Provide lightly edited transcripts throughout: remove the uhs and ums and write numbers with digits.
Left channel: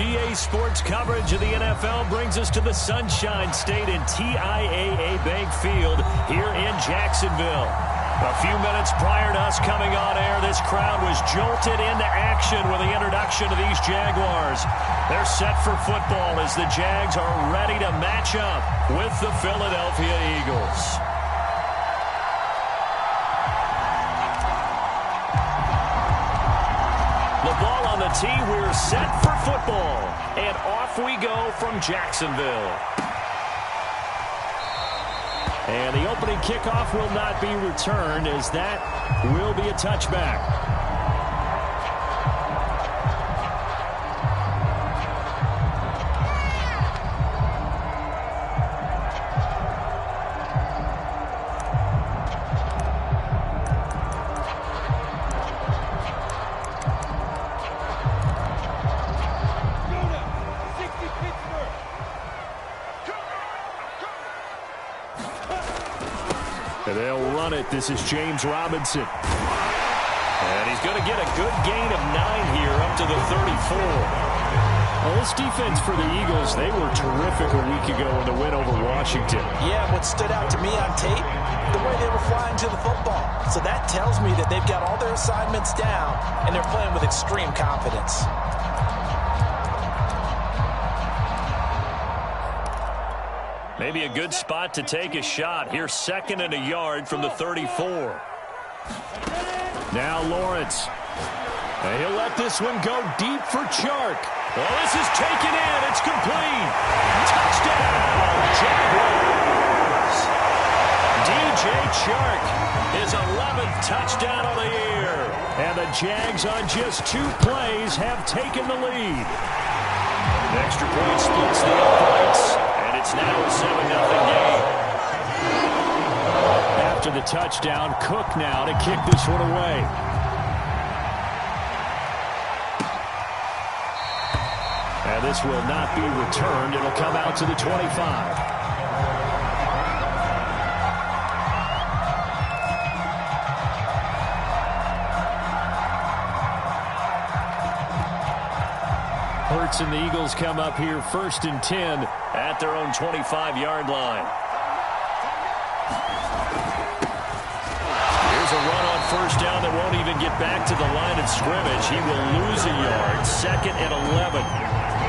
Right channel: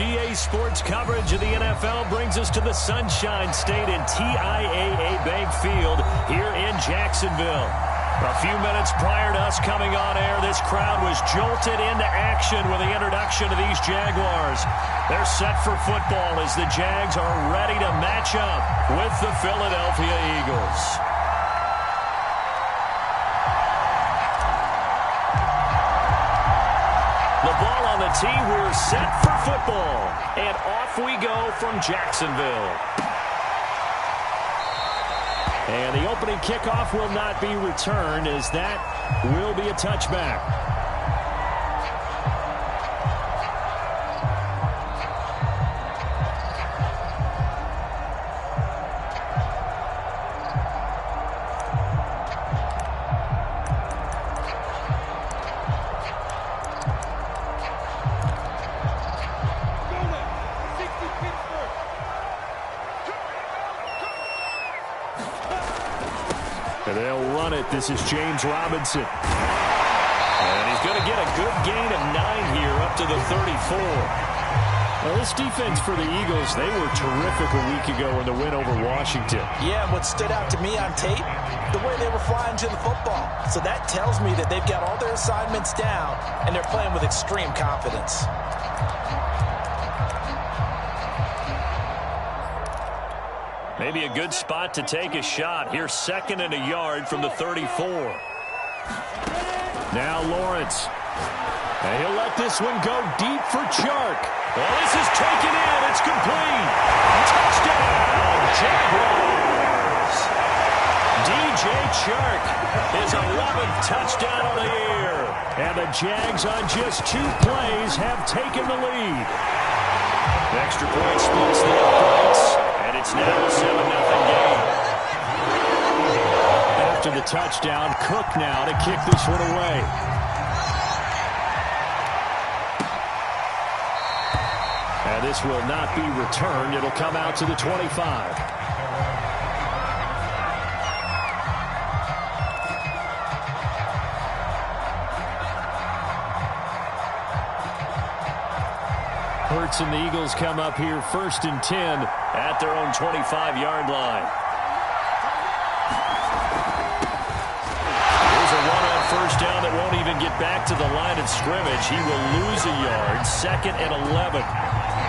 EA Sports coverage of the NFL brings us to the Sunshine State and TIAA Bank Field here in Jacksonville. A few minutes prior to us coming on air, this crowd was jolted into action with the introduction of these Jaguars. They're set for football as the Jags are ready to match up with the Philadelphia Eagles. The ball on the tee, we're set for football. And off we go from Jacksonville. And the opening kickoff will not be returned, as that will be a touchback. And they'll run it. This is James Robinson. And he's going to get a good gain of 9 here up to the 34. Well, this defense for the Eagles, they were terrific a week ago in the win over Washington. Yeah, and what stood out to me on tape, the way they were flying to the football. So that tells me that they've got all their assignments down, and they're playing with extreme confidence. Maybe a good spot to take a shot. Here's 2nd and a yard from the 34. Now Lawrence. And he'll let this one go deep for Chark. Well, this is taken in. It's complete. Touchdown, Jaguars. DJ Chark, his 11th touchdown of the year. And the Jags on just 2 plays have taken the lead. The extra point splits the uprights. And it's now a 7-0 game. After the touchdown, Cook now to kick this one away. And this will not be returned. It'll come out to the 25. Hurts and the Eagles come up here 1st and 10 at their own 25-yard line. Here's a run on 1st down that won't even get back to the line of scrimmage. He will lose a yard. 2nd and 11.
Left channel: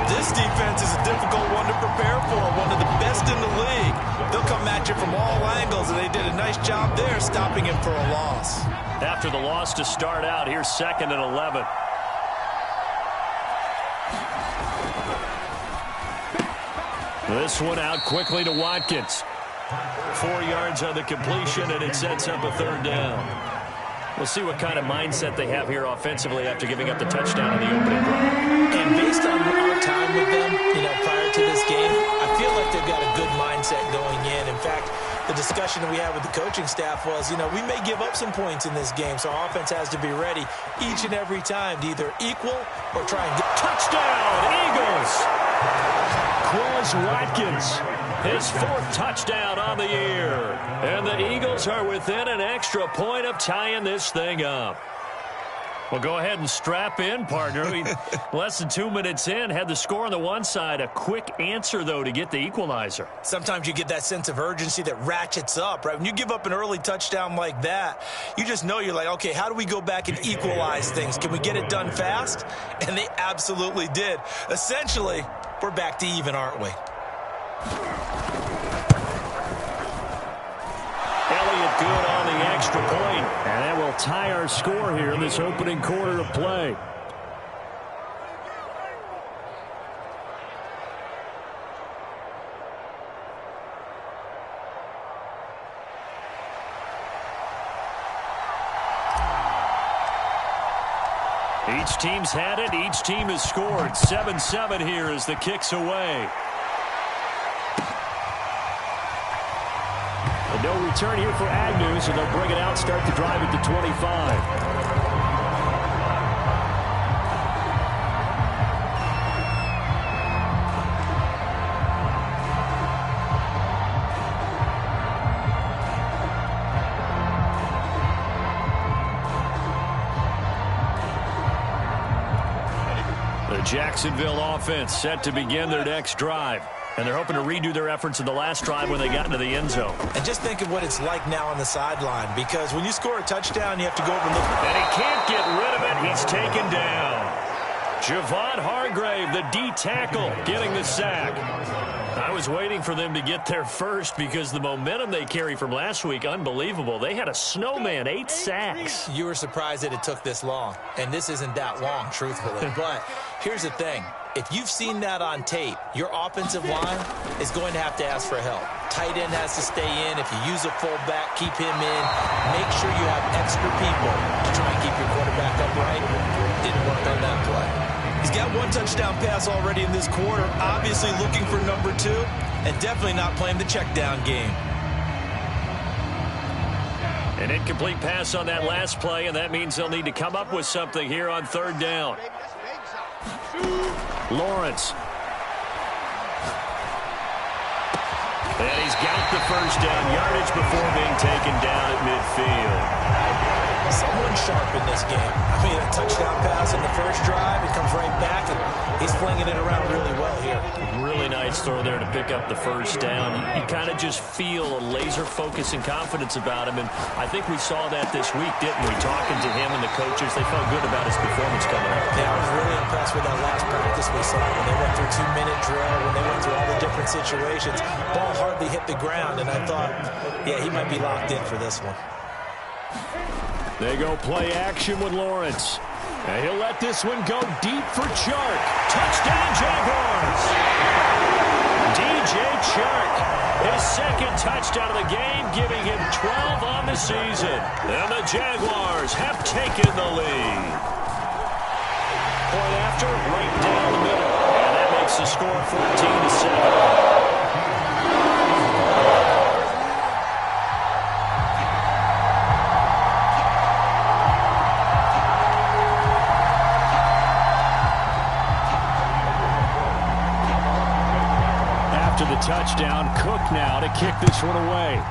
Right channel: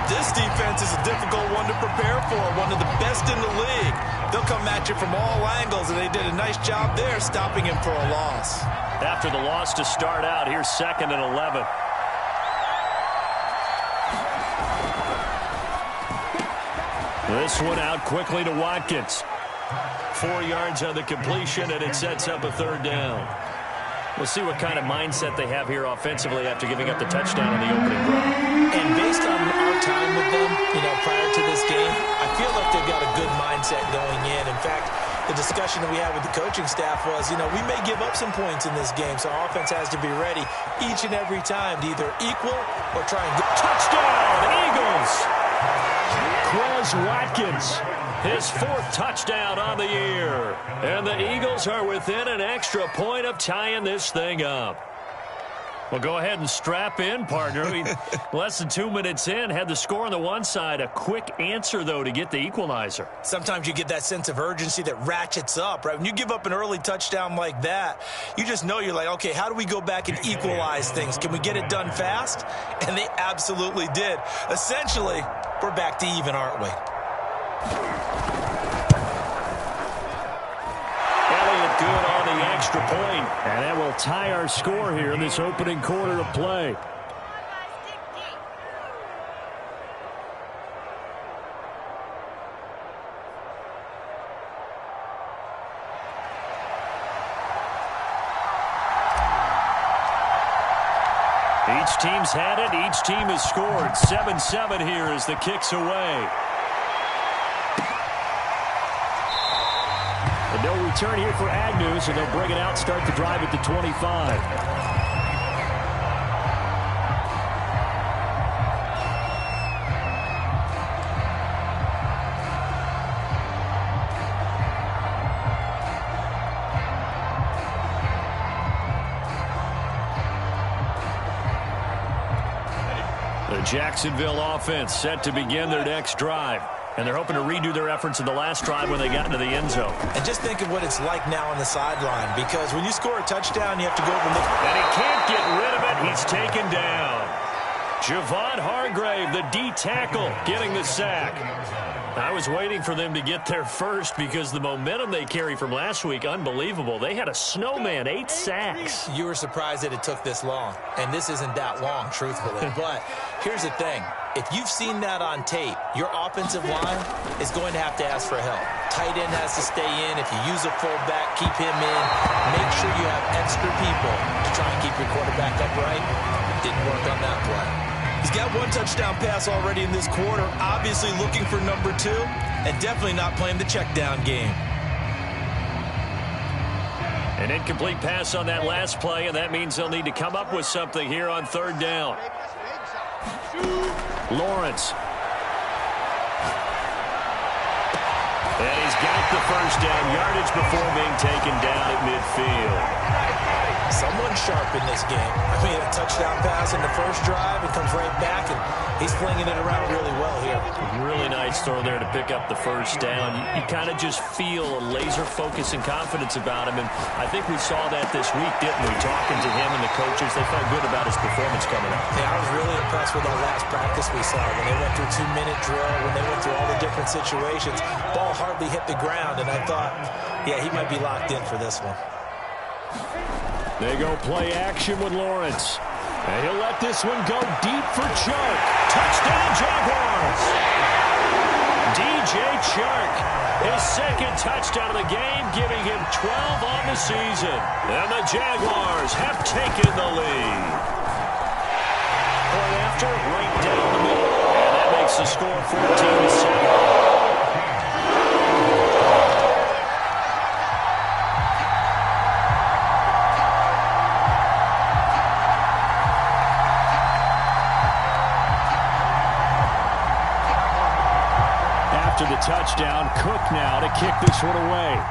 This defense is a difficult one to prepare for, one of the best in the league. They'll come at you from all angles, and they did a nice job there stopping him for a loss. After the loss to start out, here's 2nd and 11. This one out quickly to Watkins. 4 yards on the completion, and it sets up a 3rd down. We'll see what kind of mindset they have here offensively after giving up the touchdown on the opening drive. And based on our time with them, prior to this game, I feel like they've got a good mindset going in. In fact, the discussion that we had with the coaching staff was, we may give up some points in this game, so our offense has to be ready each and every time to either equal or try and get... Touchdown, Eagles! Quez Watkins, his 4th touchdown on the year. And the Eagles are within an extra point of tying this thing up. Well, go ahead and strap in, partner. Less than 2 minutes in, had the score on the one side. A quick answer, though, to get the equalizer. Sometimes you get that sense of urgency that ratchets up, right? When you give up an early touchdown like that, you just know you're like, okay, how do we go back and equalize things? Can we get it done fast? And they absolutely did. Essentially, we're back to even, aren't we? Elliott good on the extra point. And that will tie our score here in this opening quarter of play. Each team's had it. Each team has scored. 7-7 here as the kick's away. And no return here for Agnew, so they'll bring it out, start the drive at the 25. The Jacksonville offense set to begin their next drive. And they're hoping to redo their efforts in the last drive when they got into the end zone. And just think of what it's like now on the sideline, because when you score a touchdown, you have to go over and look. And he can't get rid of it. He's taken down. Javon Hargrave, the D tackle, getting the sack. I was waiting for them to get there first because the momentum they carry from last week, unbelievable. They had a snowman, 8 sacks. You were surprised that it took this long, and this isn't that long, truthfully. But here's the thing. If you've seen that on tape, your offensive line is going to have to ask for help. Tight end has to stay in. If you use a fullback, keep him in. Make sure you have extra people to try and keep your quarterback upright. Didn't work on that play. He's got 1 touchdown pass already in this quarter, obviously looking for number 2, and definitely not playing the check down game. An incomplete pass on that last play, and that means they'll need to come up with something here on 3rd down. Lawrence. And he's got the first down yardage before being taken down at midfield. Someone sharp in this game. I mean, a touchdown pass in the first drive. It comes right back, and he's flinging it around really well here. Really nice throw there to pick up the first down. You kind of just feel a laser focus and confidence about him, and I think we saw that this week, didn't we? Talking to him and the coaches, they felt good about his performance coming up. Yeah, I was really impressed with that last practice we saw when they went through 2-minute drill, when they went through all the different situations. Ball hardly hit the ground, and I thought, yeah, he might be locked in for this one. They go play action with Lawrence. And he'll let this one go deep for Chark. Touchdown, Jaguars. DJ Chark, his second touchdown of the game, giving him 12 on the season. And the Jaguars have taken the lead. Point after, right down the middle. And that makes the score 14-7. After the touchdown, Cook now to kick this one away.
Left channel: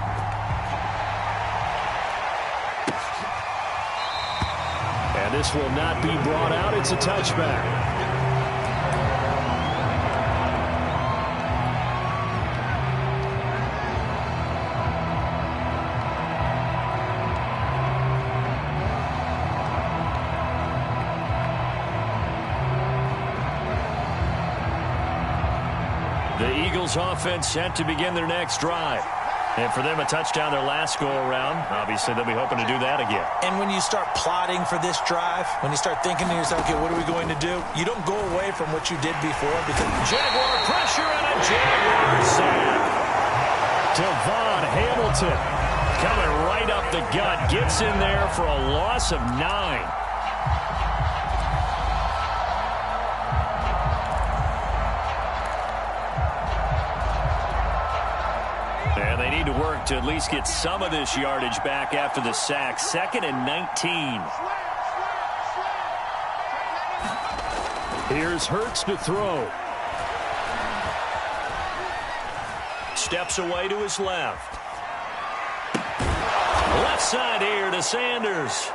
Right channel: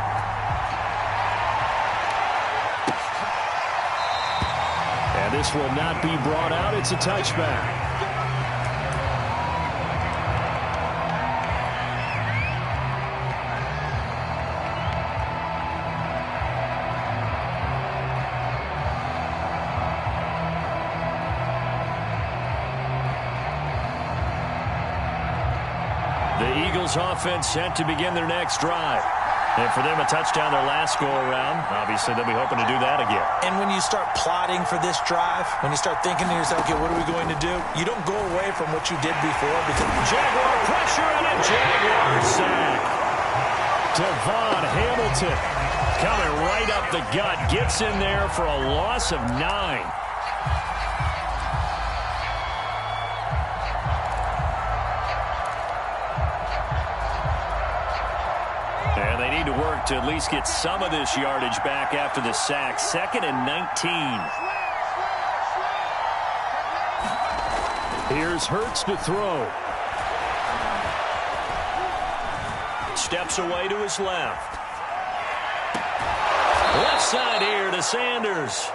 And this will not be brought out. It's a touchback. The Eagles offense set to begin their next drive. And for them, a touchdown their last go-around. Obviously, they'll be hoping to do that again. And when you start plotting for this drive, when you start thinking to yourself, okay, what are we going to do? You don't go away from what you did before because Jaguar pressure and a Jaguar sack. Devon Hamilton coming right up the gut. Gets in there for a loss of 9. And they need to work to at least get some of this yardage back after the sack. 2nd and 19. Here's Hurts to throw. Steps away to his left. Left side here to Sanders.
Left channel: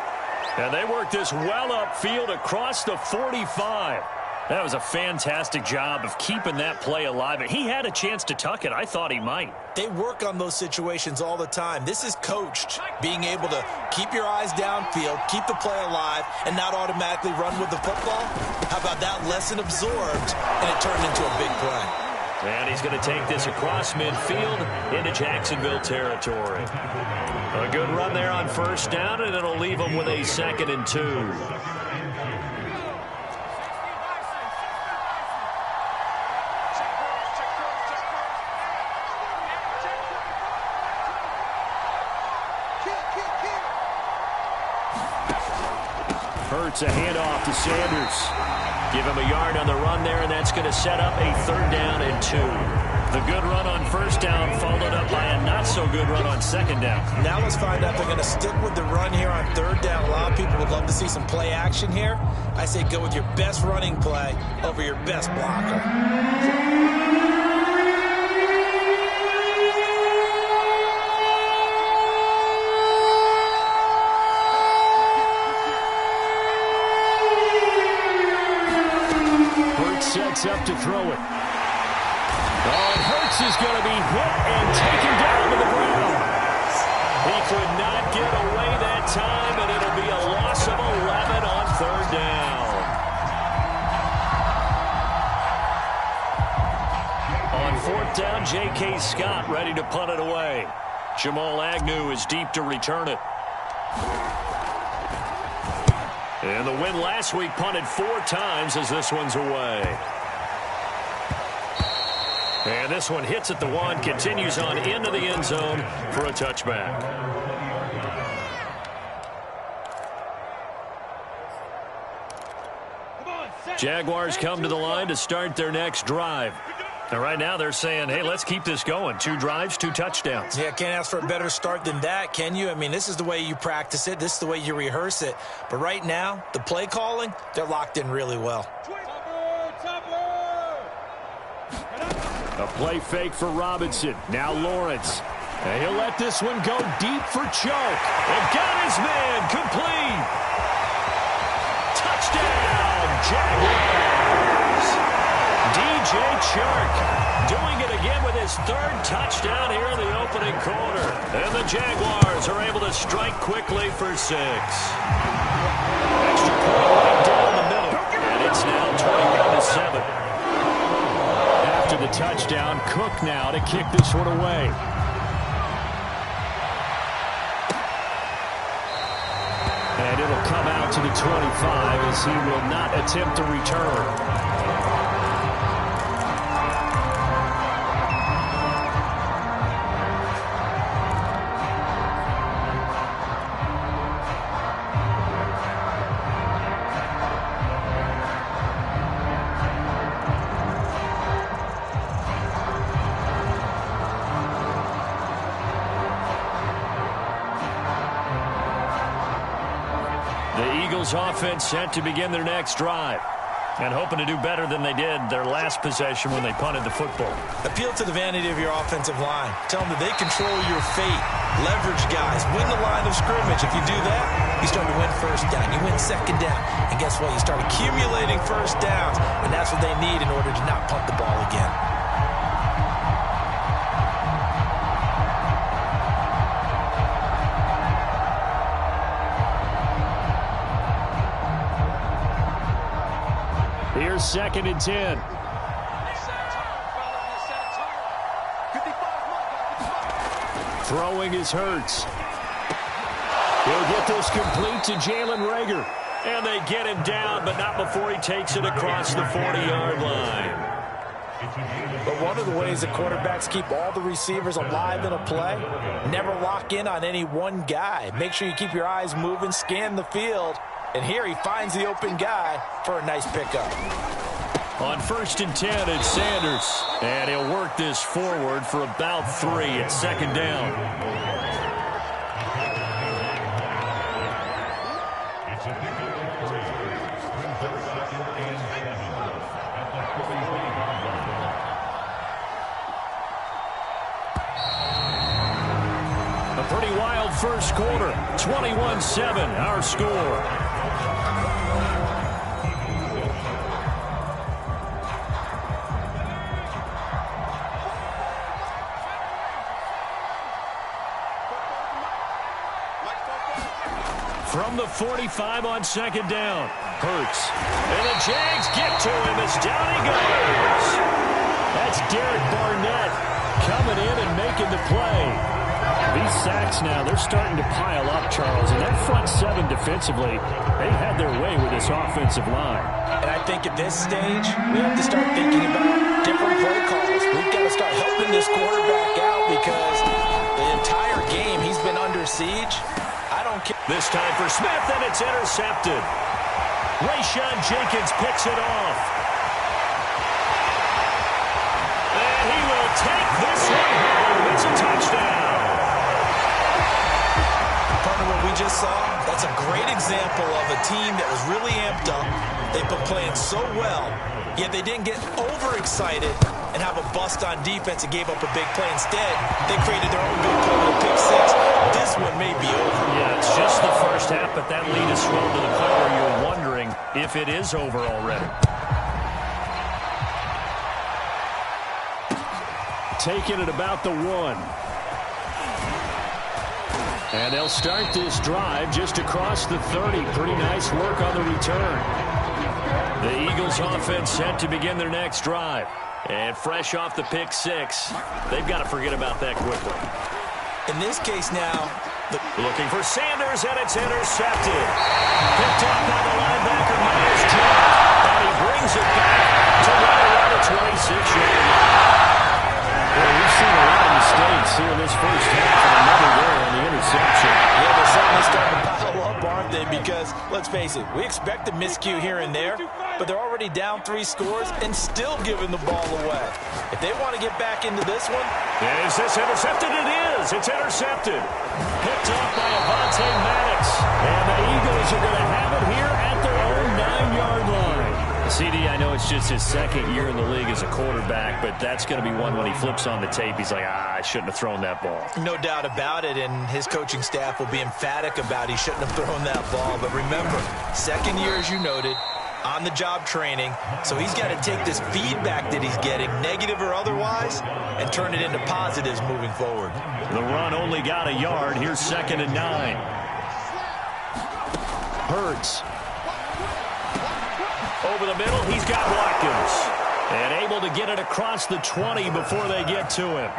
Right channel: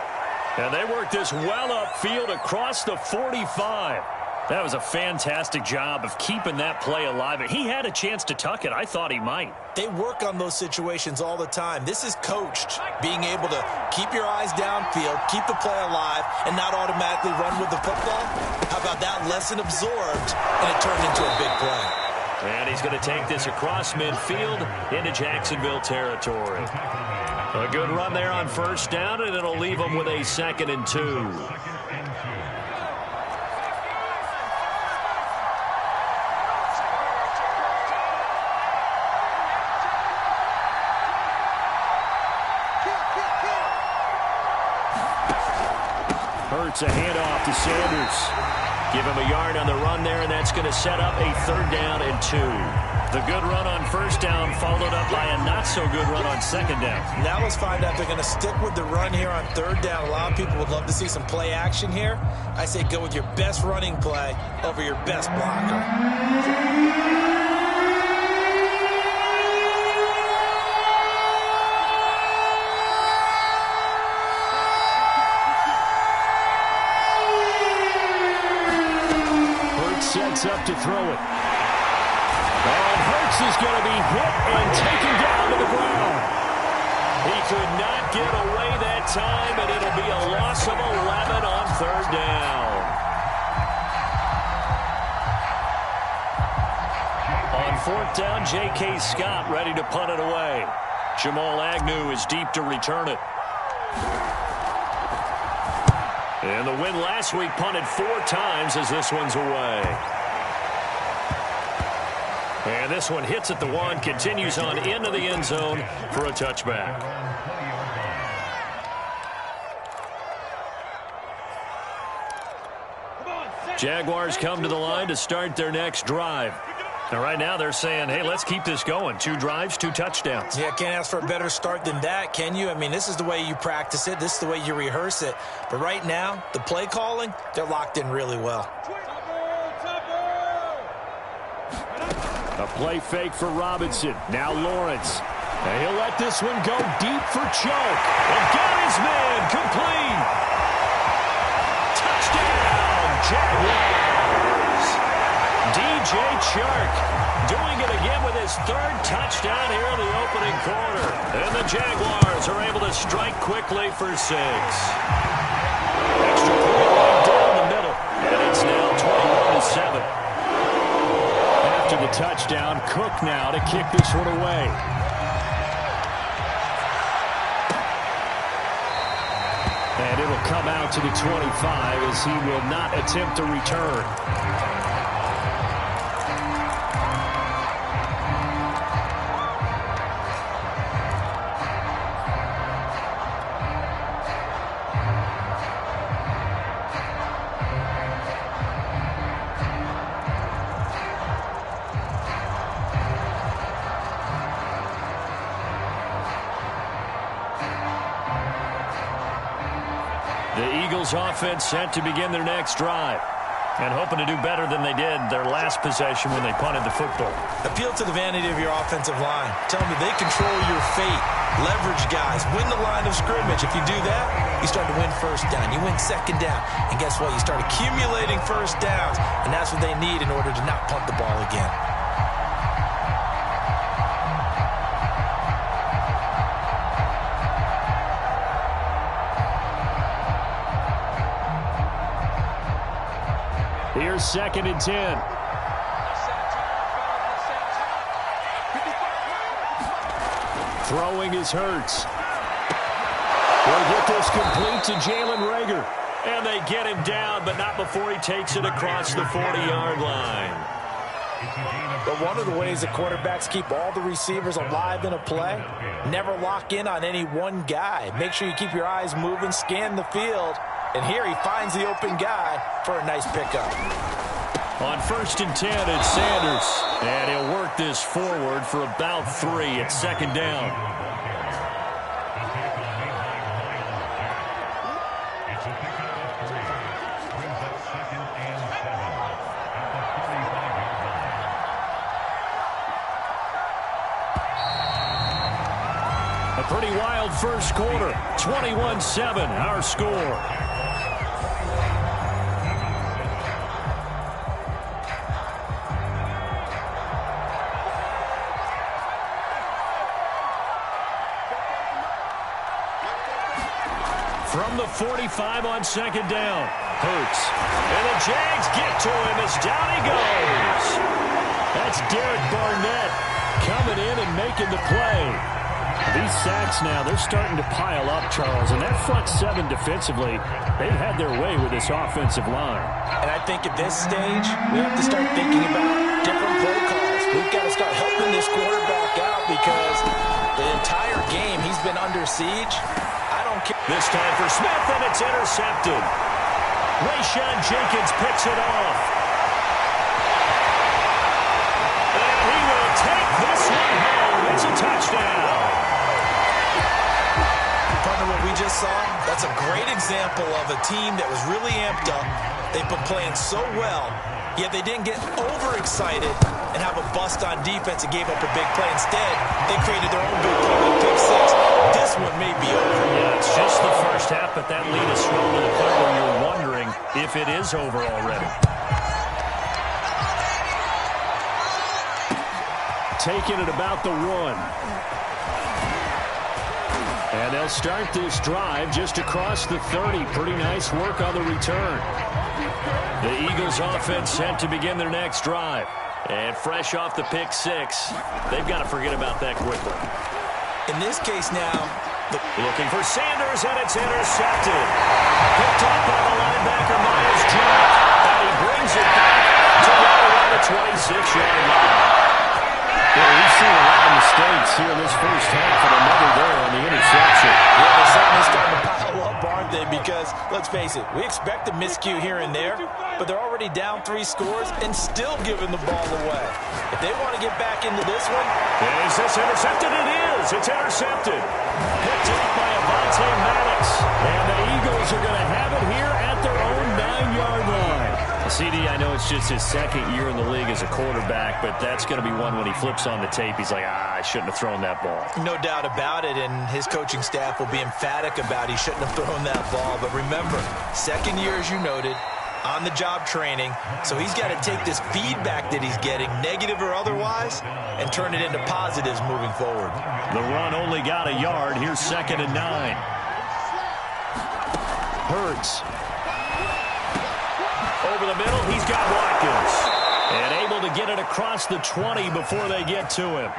And they work this well upfield across the 45. That was a fantastic job of keeping that play alive. He had a chance to tuck it. I thought he might. They work on those situations all the time. This is coached, being able to keep your eyes downfield, keep the play alive, and not automatically run with the football. How about that lesson absorbed, and it turned into a big play. And he's going to take this across midfield into Jacksonville territory. A good run there on first down, and it'll leave them with a 2nd and 2. Hurts a handoff to Sanders. Give him a yard on the run there, and that's going to set up a 3rd down and 2. The good run on first down followed up by a not-so-good run on 2nd down. Now let's find out if they're going to stick with the run here on 3rd down. A lot of people would love to see some play action here. I say go with your best running play over your best blocker. sets up to throw it. Oh, and Hurts is going to be hit and taken down to the ground. He could not get away that time, and it'll be a loss of 11 on third down. On fourth down, J.K. Scott ready to punt it away. Jamal Agnew is deep to return it. And the win last week punted 4 times as this one's away. And this one hits at the 1, continues on into the end zone for a touchback. Jaguars come to the line to start their next drive. And right now they're saying, hey, let's keep this going. 2 drives, 2 touchdowns. Yeah, can't ask for a better start than that, can you? I mean, this is the way you practice it. This is the way you rehearse it. But right now, the play calling, they're locked in really well. A play fake for Robinson. Now Lawrence. And he'll let this one go deep for Chark. And got his man complete. Touchdown, Jaguars. DJ Chark doing it again with his 3rd touchdown here in the opening quarter. And the Jaguars are able to strike quickly for 6. Extra point right down the middle. And it's now 21-7. After the touchdown, Cook now to kick this one away. And it'll come out to the 25 as he will not attempt to return. The Eagles offense set to begin their next drive and hoping to do better than they did their last possession when they punted the football. Appeal to the vanity of your offensive line. Tell them that they control your fate. Leverage guys. Win the line of scrimmage. If you do that, you start to win first down. You win second down. And guess what? You start accumulating first downs. And that's what they need in order to not punt the ball again. Here's 2nd and 10. Throwing is Hurts. He'll get this complete to Jalen Reagor. And they get him down, but not before he takes it across the 40-yard line. But one of the ways that quarterbacks keep all the receivers alive in a play, never lock in on any one guy. Make sure you keep your eyes moving, scan the field. And here he finds the open guy for a nice pickup. On 1st and 10, it's Sanders. And he'll work this forward for about 3 at 2nd down. A pretty wild first quarter. 21-7, our score. From the 45 on 2nd down. Hurts. And the Jags get to him as down he goes. That's Derek Barnett coming in and making the play. These sacks now, they're starting to pile up, Charles. And that front 7 defensively, they've had their way with this offensive line. And I think at this stage, we have to start thinking about different play calls. We've got to start helping this quarterback out because the entire game he's been under siege. I don't care. This time for Smith, and it's intercepted. Rayshawn Jenkins picks it off. And he will take this one home. It's a touchdown. Partner, what we just saw, that's a great example of a team that was really amped up. They've been playing so well, yet they didn't get overexcited and have a bust on defense and gave up a big play. Instead, they created their own big play with a pick 6. This one may be over. Yeah, it's just the first half, but that lead has swelled to the point where you're wondering if it is over already. taken at about the 1. And they'll start this drive just across the 30. Pretty nice work on the return. The Eagles offense set to begin their next drive. And fresh off the pick 6, they've got to forget about that quickly. In this case now, looking for Sanders, and it's intercepted. Picked off by the linebacker, Myles Jack. And he brings it back to right around the 26-yard line. Well, we've seen a lot of mistakes here in this first half, and another there on the interception. Yeah, they're certainly starting to pile up, aren't they? Because, let's face it, we expect a miscue here and there, but they're already down 3 scores and still giving the ball away. If they want to get back into this one... Is this intercepted? It is. It's intercepted. Picked off by Avonte Maddox. And the Eagles are going to have it here at their own 9-yard line. CD, I know it's just his second year in the league as a quarterback, but that's going to be one when he flips on the tape. He's like, I shouldn't have thrown that ball. No doubt about it, and his coaching staff will be emphatic about he shouldn't have thrown that ball. But remember, second year, as you noted, on-the-job training, so he's got to take this feedback that he's getting, negative or otherwise, and turn it into positives moving forward. The run only got a yard. Here's 2nd and 9. Hurts. Over the middle, he's got Watkins. And able to get it across the 20 before they get to him.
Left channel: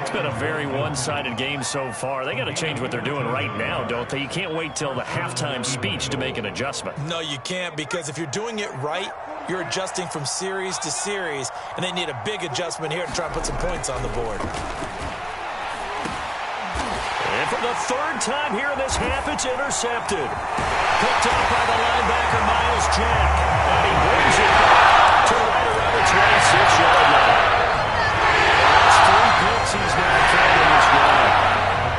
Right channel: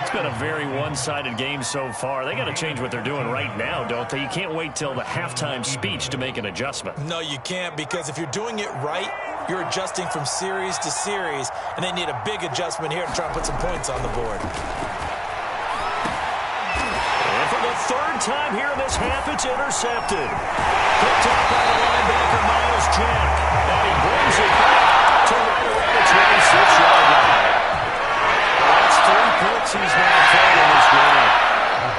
It's been a very one-sided game so far. They got to change what they're doing right now, don't they? You can't wait till the halftime speech to make an adjustment. No, you can't, because if you're doing it right, you're adjusting from series to series, and they need a big adjustment here to try and put some points on the board. And for the 3rd time here in this half, it's intercepted. Picked up by the linebacker, Myles Jack. And he brings it back to right around the 26-yard line. That's 3 picks he's now thrown in this game.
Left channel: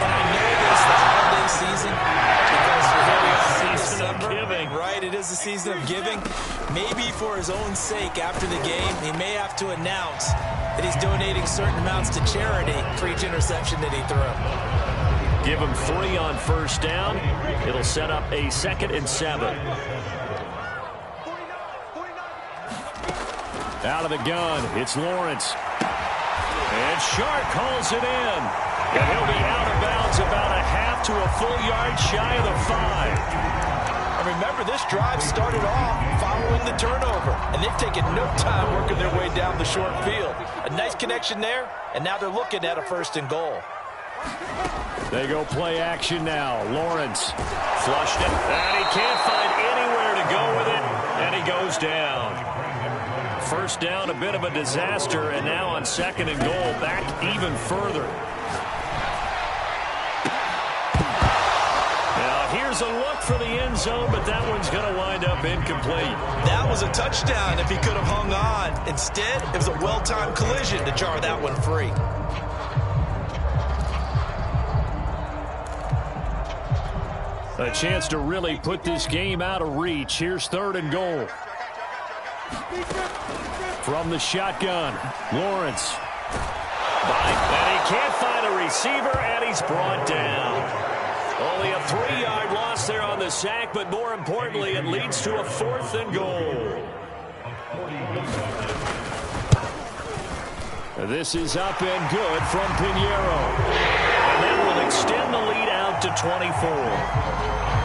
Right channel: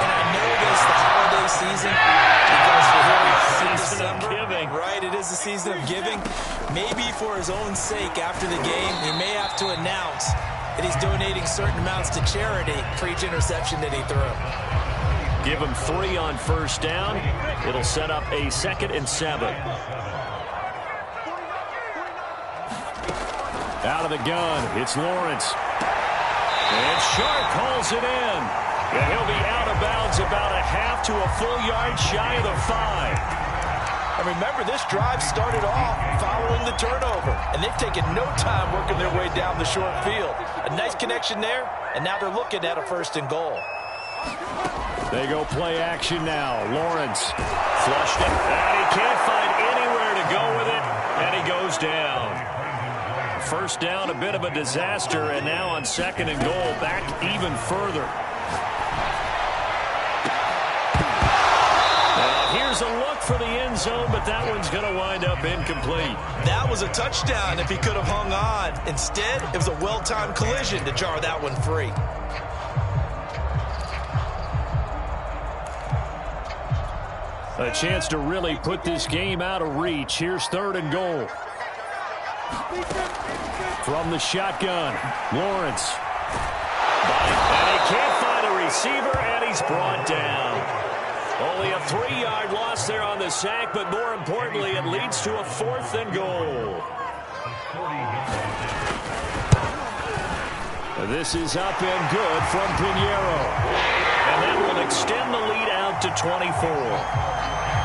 And I know this, the holiday season, because here we are in December. Giving. Right, it is the season of giving. Maybe for his own sake, after the game, he may have to announce that he's donating certain amounts to charity for each interception that he threw. Give him 3 on first down. It'll set up a 2nd and 7. Out of the gun, it's Lawrence. And Sharp calls it in. And he'll be out of bounds about a half to a full yard shy of the 5. And remember, this drive started off following the turnover. And they've taken no time working their way down the short field. A nice connection there, and now they're looking at a 1st and goal. They go play action now. Lawrence flushed it, and he can't find anywhere to go with it, and he goes down. First down, a bit of a disaster, and now on 2nd and goal, back even further. Now here's a look for the end zone, but that one's going to wind up incomplete. That was a touchdown if he could have hung on. Instead, it was a well-timed collision to jar that one free. A chance to really put this game out of reach. Here's 3rd and goal. From the shotgun, Lawrence. And he can't find a receiver, and he's brought down. Only a 3-yard loss there on the sack, but more importantly, it leads to a 4th and goal. This is up and good from Pinheiro. And that will extend the lead out to 24.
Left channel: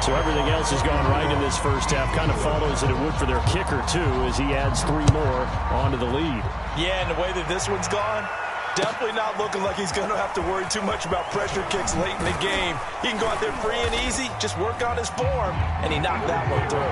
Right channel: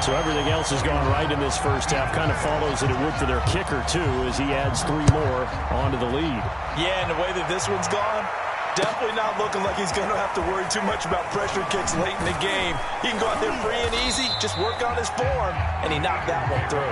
So everything else has gone right in this first half. Kind of follows that it would for their kicker, too, as he adds 3 more onto the lead. Yeah, and the way that this one's gone, definitely not looking like he's going to have to worry too much about pressure kicks late in the game. He can go out there free and easy, just work on his form, and he knocked that one through.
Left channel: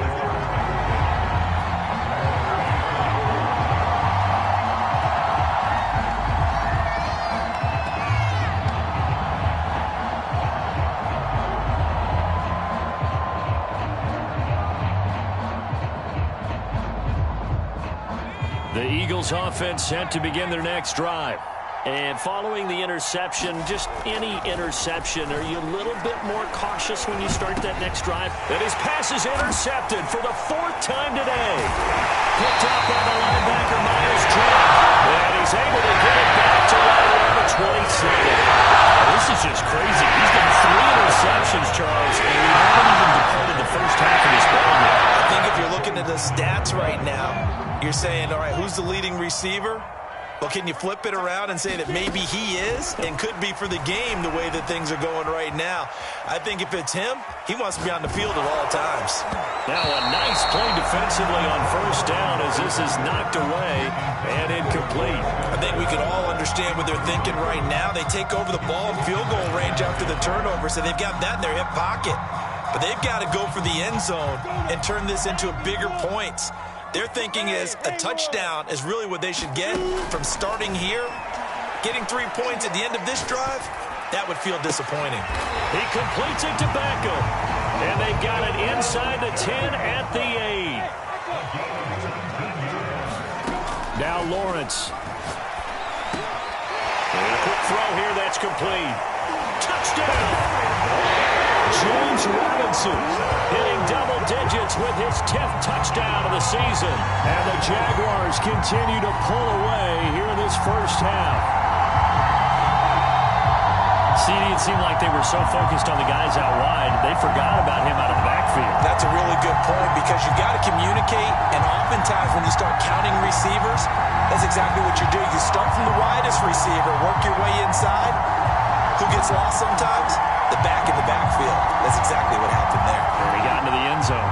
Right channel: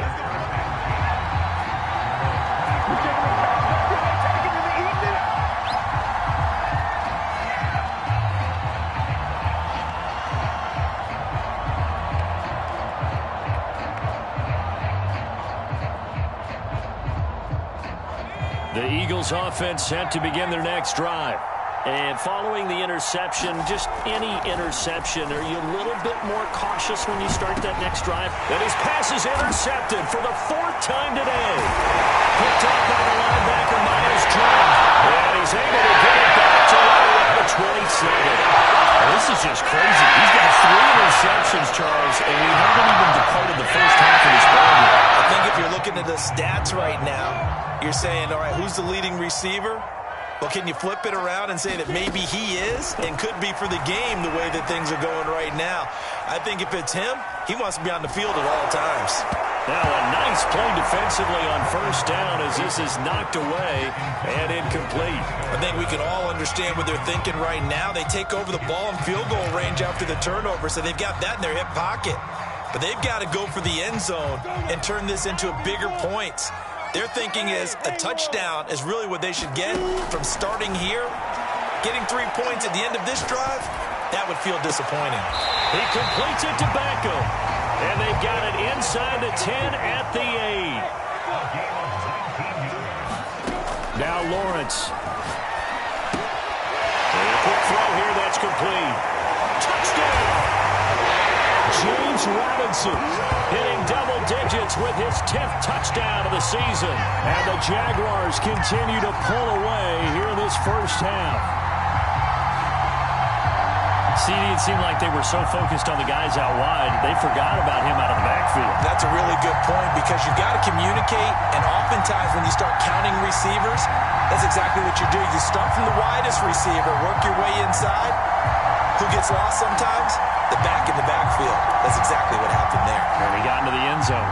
The Eagles offense set to begin their next drive. And following the interception, just any interception, are you a little bit more cautious when you start that next drive? And his pass is intercepted for the 4th time today. Picked up by the linebacker, Myles Jack. And he's able to get it back to right around the 22nd. Well, this is just crazy. He's got 3 interceptions, Charles, and we haven't even departed the first half of this ball yet. I think if you're looking at the stats right now, you're saying, all right, who's the leading receiver? Well, can you flip it around and say that maybe he is and could be for the game the way that things are going right now? I think if it's him, he wants to be on the field at all times. Now a nice play defensively on first down as this is knocked away and incomplete. I think we can all understand what they're thinking right now. They take over the ball in field goal range after the turnover, so they've got that in their hip pocket. But they've got to go for the end zone and turn this into a bigger point. Their thinking is a touchdown is really what they should get from starting here. Getting 3 points at the end of this drive, that would feel disappointing. He completes it to Beckham. And they've got it inside the 10 at the 8. Now Lawrence. And a quick throw here that's complete. Touchdown! James Robinson hitting double digits with his 10th touchdown of the season. And the Jaguars continue to pull away here in this first half. CD, it seemed like they were so focused on the guys out wide, they forgot about him out of the backfield. That's a really good point because you've got to communicate, and oftentimes when you start counting receivers, that's exactly what you do. You start from the widest receiver, work your way inside. Who gets lost sometimes? The back in the backfield. That's exactly what happened there. And he got into the end zone.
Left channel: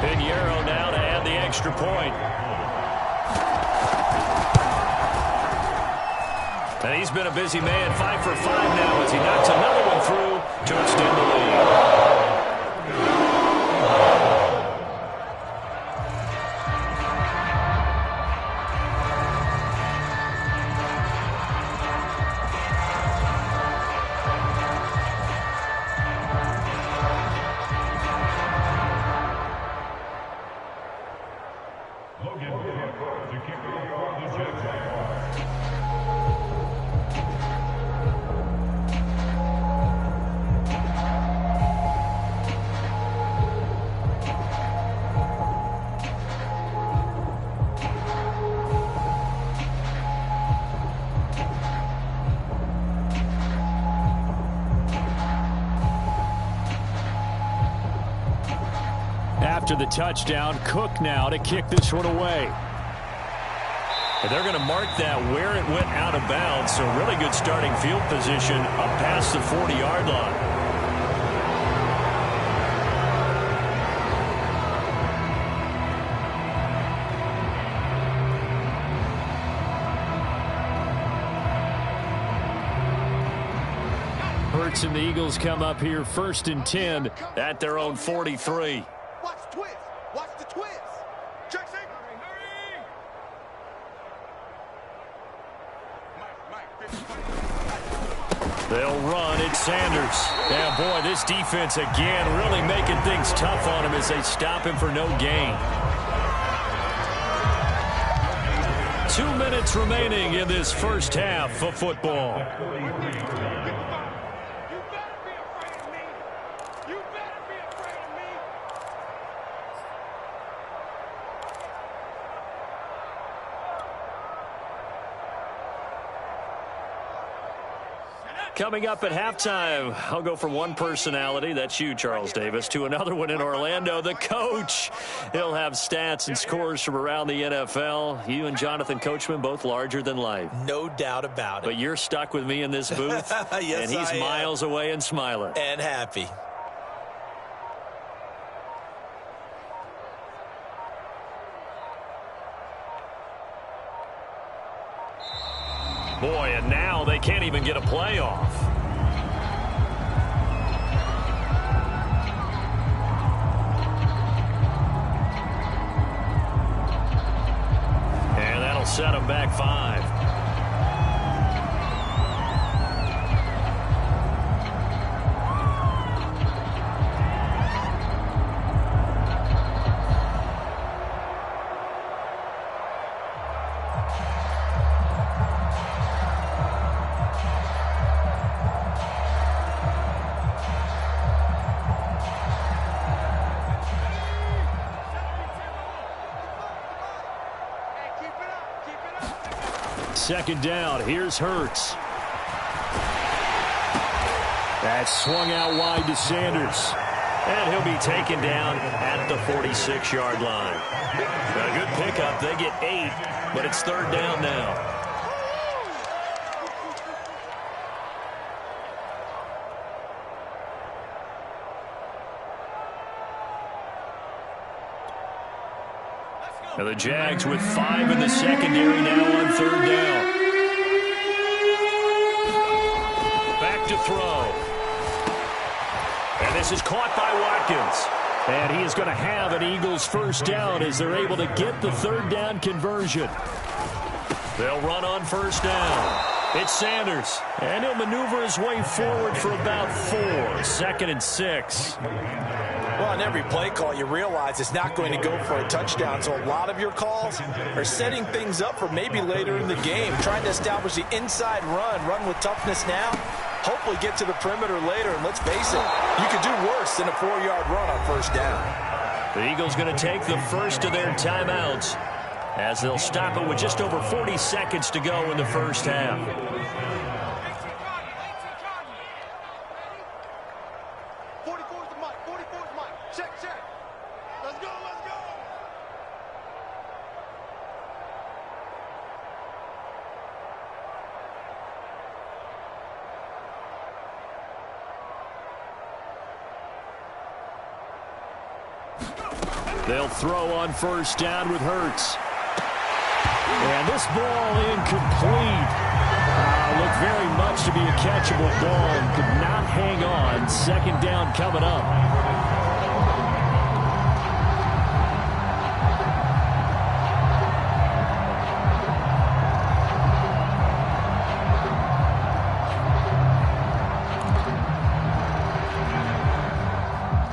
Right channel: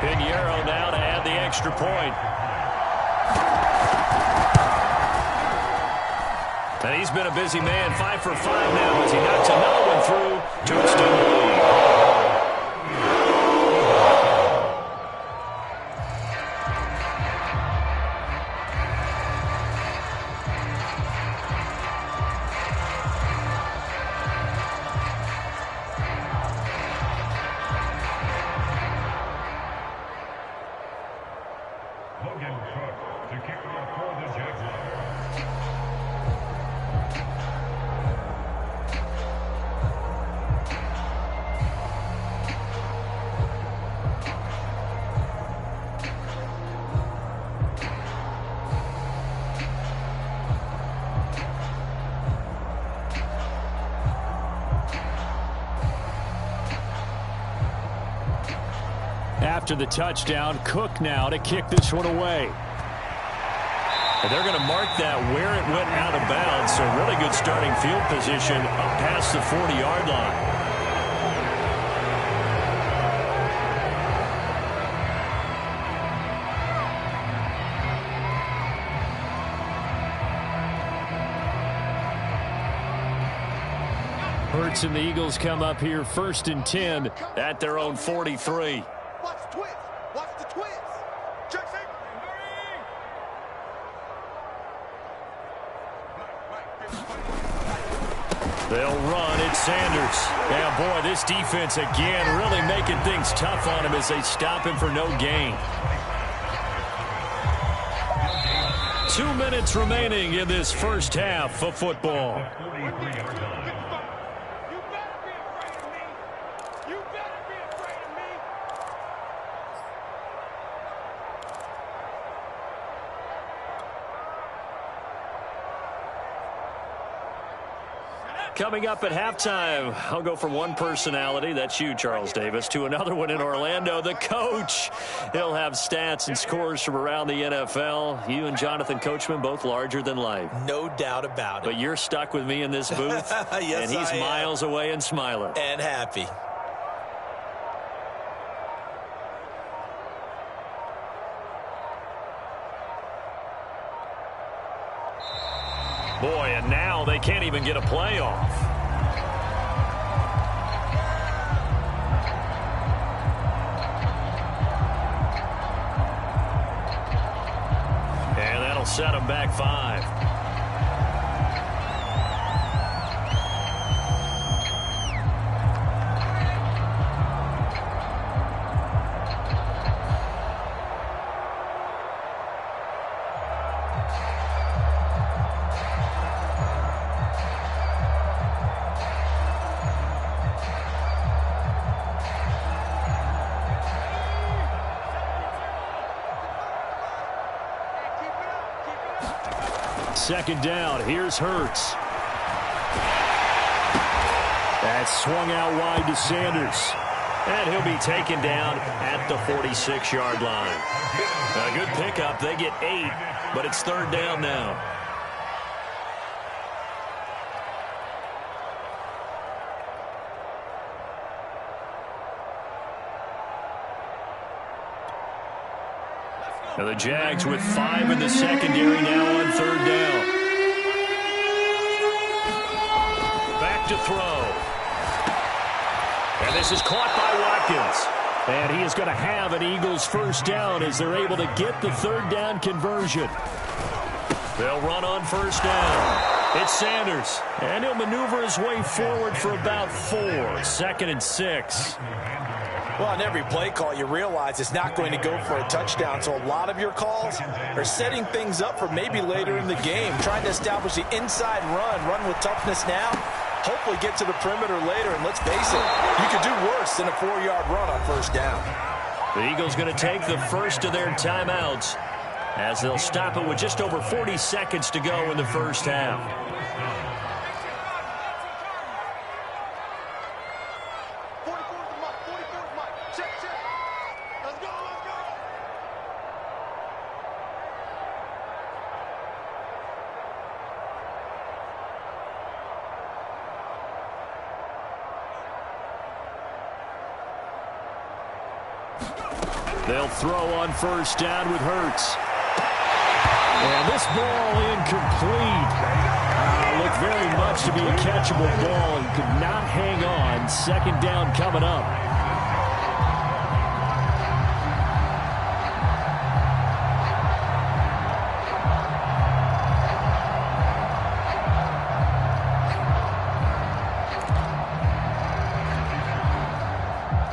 Pinheiro now to add the extra point. And he's been a busy man, 5 for 5 now as he knocks another one through to extend the lead. Logan Cook to kick off for the Jaguars. After the touchdown, Cook now to kick this one away. And they're going to mark that where it went out of bounds, so really good starting field position up past the 40-yard line. Hurts and the Eagles come up here 1st and 10 at their own 43. Watch the twist. Watch the twist. Jackson. They'll run. It's Sanders. And boy, this defense again really making things tough on him as they stop him for no gain. 2 minutes remaining in this first half of football. Coming up at halftime, I'll go from one personality, that's you, Charles Davis, to another one in Orlando, the coach. He'll have stats and scores from around the NFL. You and Jonathan Coachman, both larger than life. No doubt about it. But you're stuck with me in this booth, yes, and he's miles away and smiling. And happy. Boy, and now they can't even get a playoff. And that'll set them back 5. second down. Here's Hurts. That's swung out wide to Sanders. And he'll be taken down at the 46-yard line. A good pickup. They get 8, but it's third down now. Now the Jags with 5 in the secondary now on third down. Back to throw. And this is caught by Watkins. And he is going to have an Eagles first down as they're able to get the third down conversion. They'll run on first down. It's Sanders. And he'll maneuver his way forward for about 4. Second and 6. Well, on every play call, you realize it's not going to go for a touchdown. So a lot of your calls are setting things up for maybe later in the game, trying to establish the inside run with toughness now, hopefully get to the perimeter later. And let's face it, you could do worse than a 4-yard run on first down. The Eagles going to take the first of their timeouts as they'll stop it with just over 40 seconds to go in the first half. 44's the mic. 44's mic. Check. Let's go. They'll throw on first down with Hurts. And this ball incomplete. Looked very much to be a catchable ball and could not hang on. Second down coming up.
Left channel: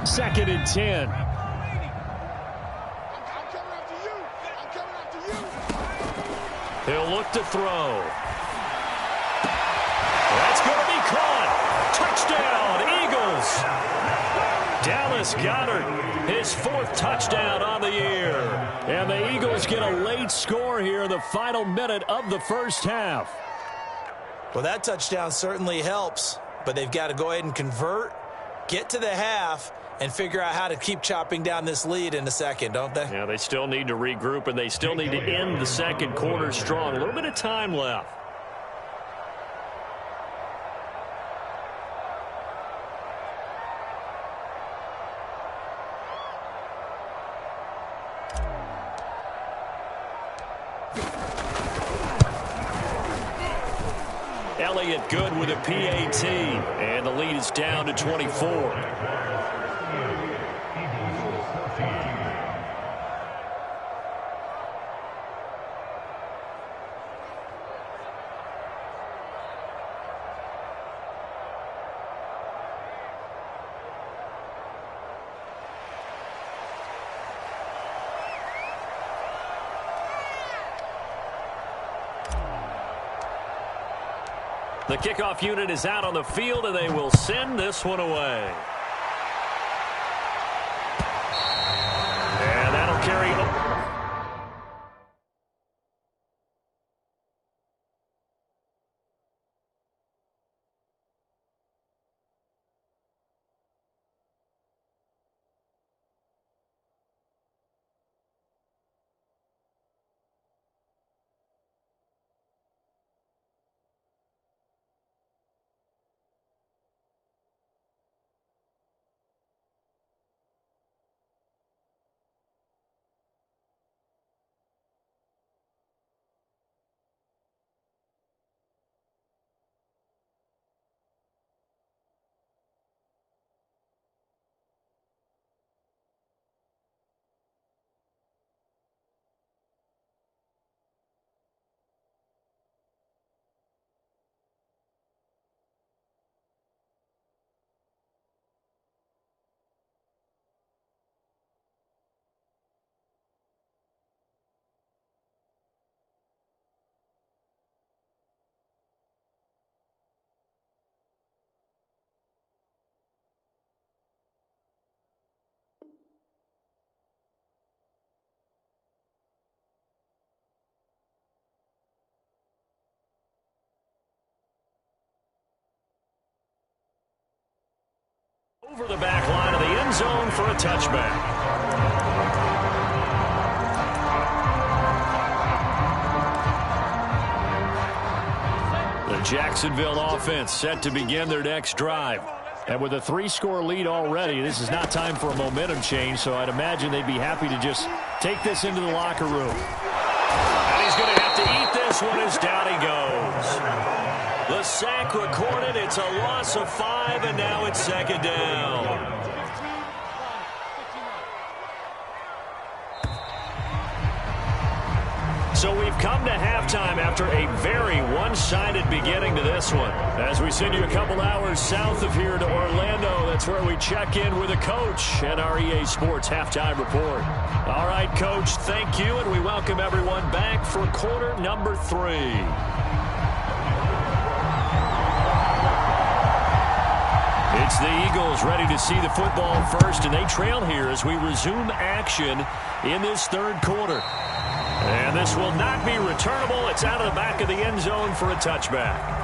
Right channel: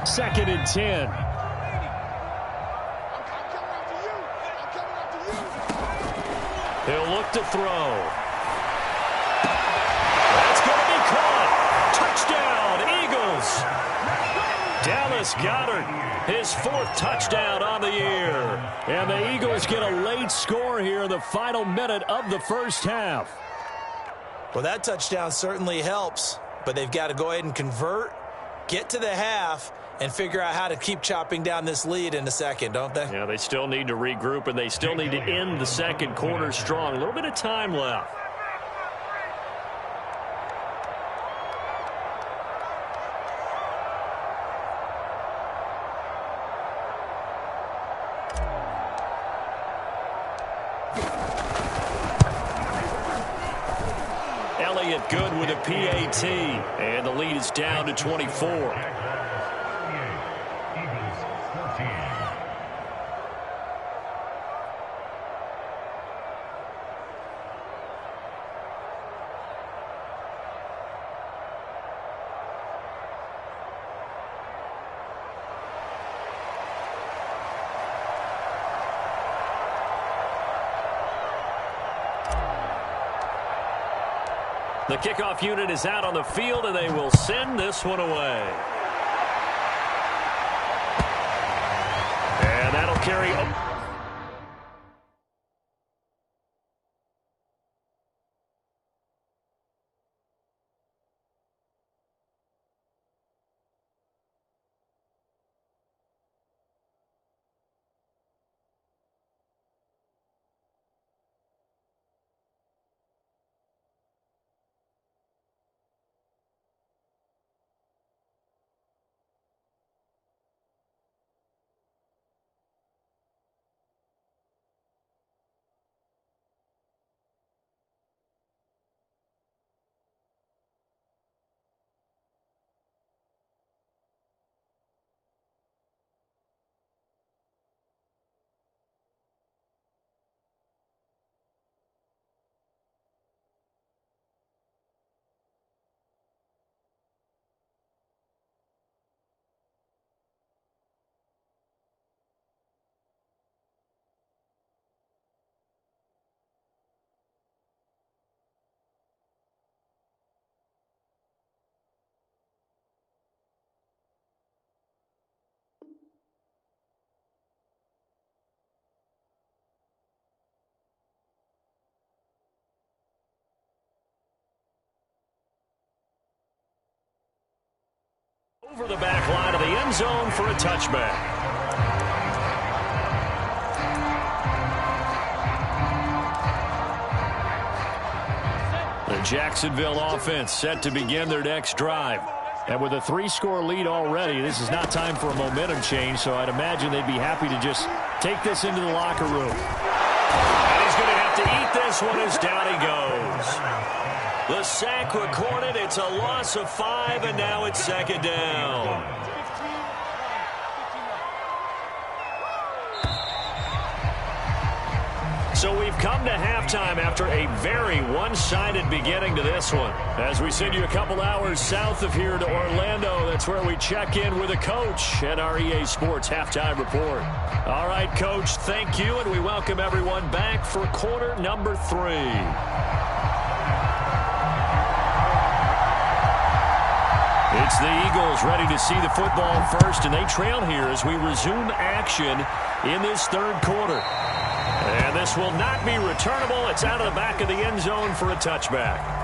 Second and 10. He'll look to throw. That's going to be caught. Touchdown, Eagles. Dallas Goedert, his 4th touchdown on the year. And the Eagles get a late score here in the final minute of the first half. Well, that touchdown certainly helps, but they've got to go ahead and convert, get to the half, and figure out how to keep chopping down this lead in the second, don't they? Yeah, they still need to regroup, and they still need to end the second quarter strong. A little bit of time left. Elliott good with a PAT, and the lead is down to 24. The kickoff unit is out on the field, and they will send this one away. And that'll carry. Over the back line of the end zone for a touchback. The Jacksonville offense set to begin their next drive. And with a 3-score lead already, this is not time for a momentum change, so I'd imagine they'd be happy to just take this into the locker room. And he's going to have to eat this one as down he goes. The sack recorded. It's a loss of 5, and now it's second down. So we've come to halftime after a very one-sided beginning to this one. As we send you a couple hours south of here to Orlando, that's where we check in with a coach at our EA Sports Halftime Report. All right, Coach, thank you, and we welcome everyone back for quarter number 3. It's the Eagles ready to see the football first, and they trail here as we resume action in this third quarter. And this will not be returnable. It's out of the back of the end zone for a touchback.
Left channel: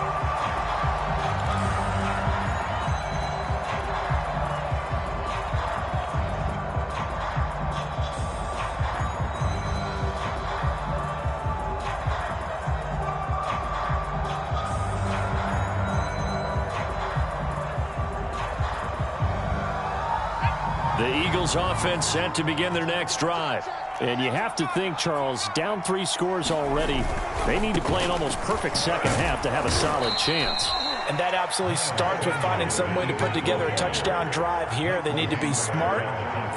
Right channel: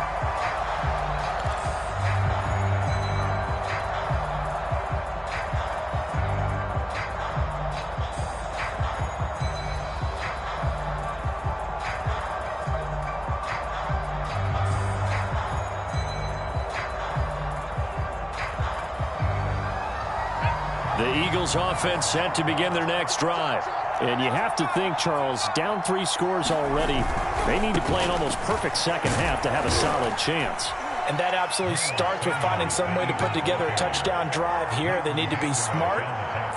The Eagles offense set to begin their next drive. And you have to think, Charles, down 3 scores already. They need to play an almost perfect second half to have a solid chance. And that absolutely starts with finding some way to put together a touchdown drive here. They need to be smart,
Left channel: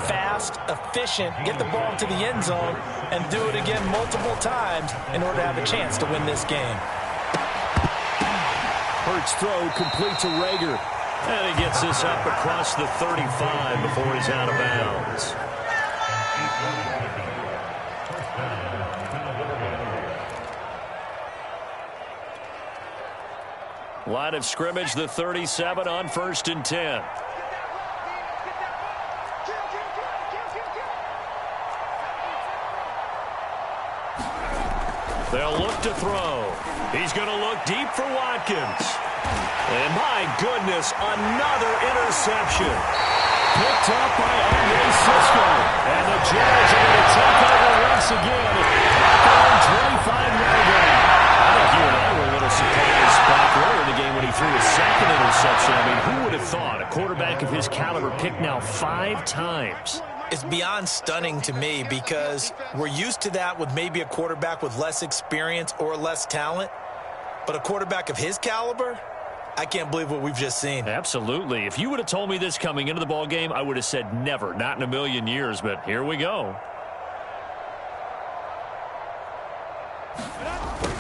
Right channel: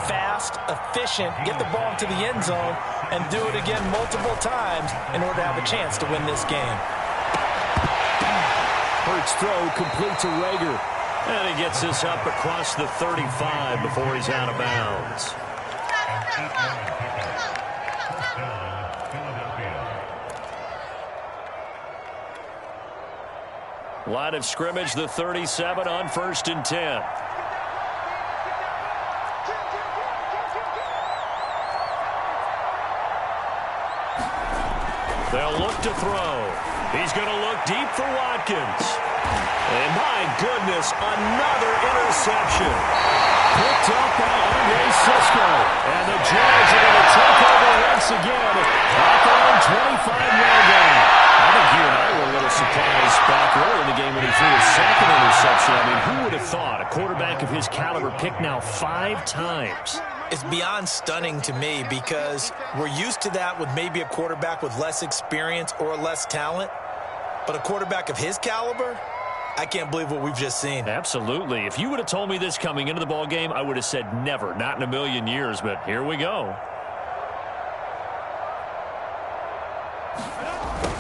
fast, efficient, get the ball into the end zone, and do it again multiple times in order to have a chance to win this game. Hurts throw complete to Rager. And he gets this up across the 35 before he's out of bounds. Line of scrimmage, the 37 on 1st and 10. They'll look to throw. He's going to look deep for Watkins. And my goodness, another interception. Picked up by Andre Cisco. And the Jags are going to take over once again at their own 25-yard line. I think you and I were a little surprised back earlier in the game when he threw his second interception. I mean, who would have thought a quarterback of his caliber picked now 5 times? It's beyond stunning to me because we're used to that with maybe a quarterback with less experience or less talent. But a quarterback of his caliber, I can't believe what we've just seen. Absolutely. If you would have told me this coming into the ball game, I would have said never, not in a million years. But here we go.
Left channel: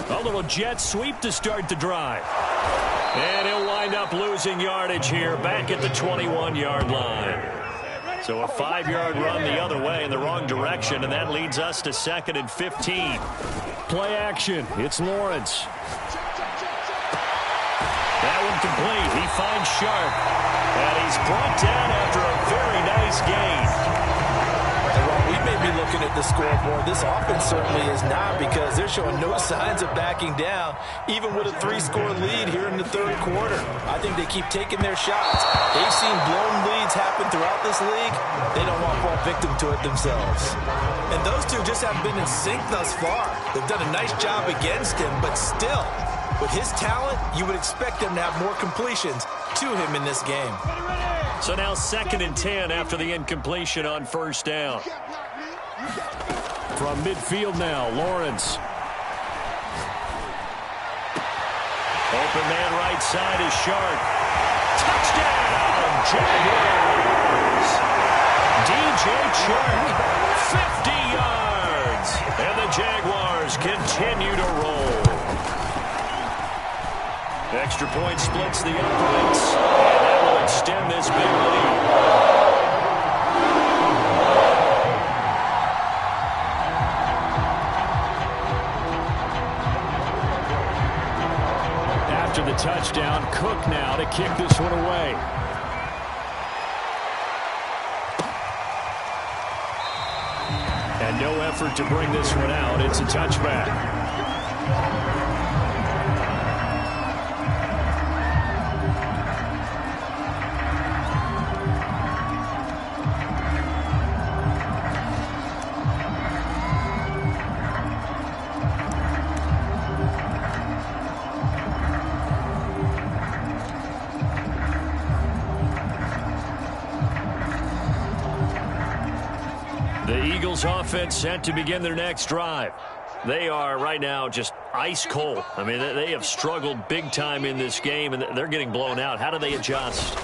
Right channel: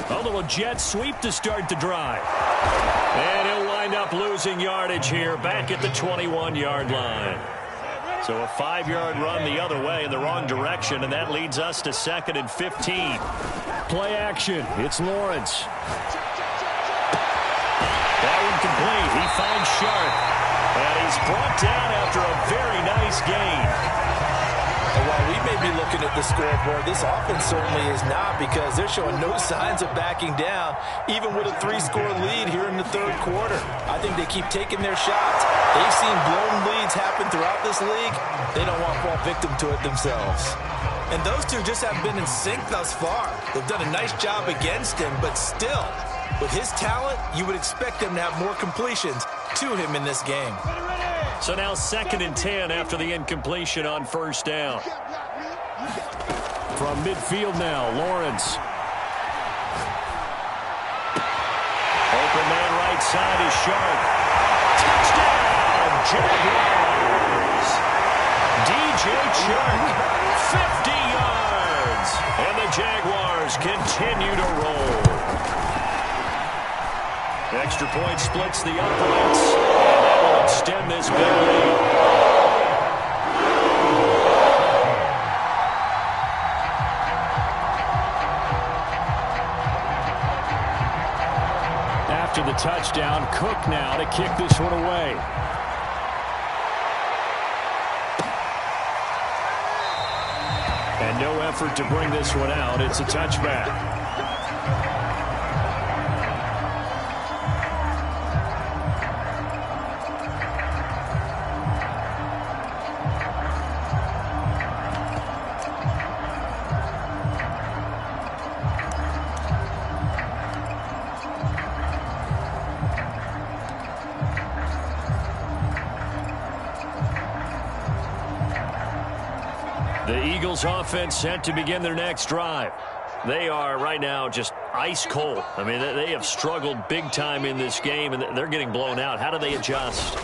A little jet sweep to start the drive. And he'll wind up losing yardage here back at the 21-yard line. So a 5-yard run the other way in the wrong direction, and that leads us to 2nd and 15. Play action. It's Lawrence. That one complete. He finds Sharp. And he's brought down after a very nice gain. And while we may be looking at the scoreboard, this offense certainly is not, because they're showing no signs of backing down, even with a 3-score lead here in the third quarter. I think they keep taking their shots. They've seen blown leads happen throughout this league. They don't want to fall victim to it themselves. And those two just haven't been in sync thus far. They've done a nice job against him, but still, with his talent, you would expect them to have more completions to him in this game. So now 2nd and 10 after the incompletion on 1st down. From midfield now, Lawrence. Open man right side is Sharp. Touchdown, Jaguars! DJ Chark, 50 yards. And the Jaguars continue to roll. Extra point splits the uprights, and that will extend this big lead. After the touchdown, Cook now to kick this one away. And no effort to bring this one out. It's a touchback. The Eagles offense set to begin their next drive. They are right now just ice cold. I mean, they have struggled big time in this game, and they're getting blown out. How do they adjust?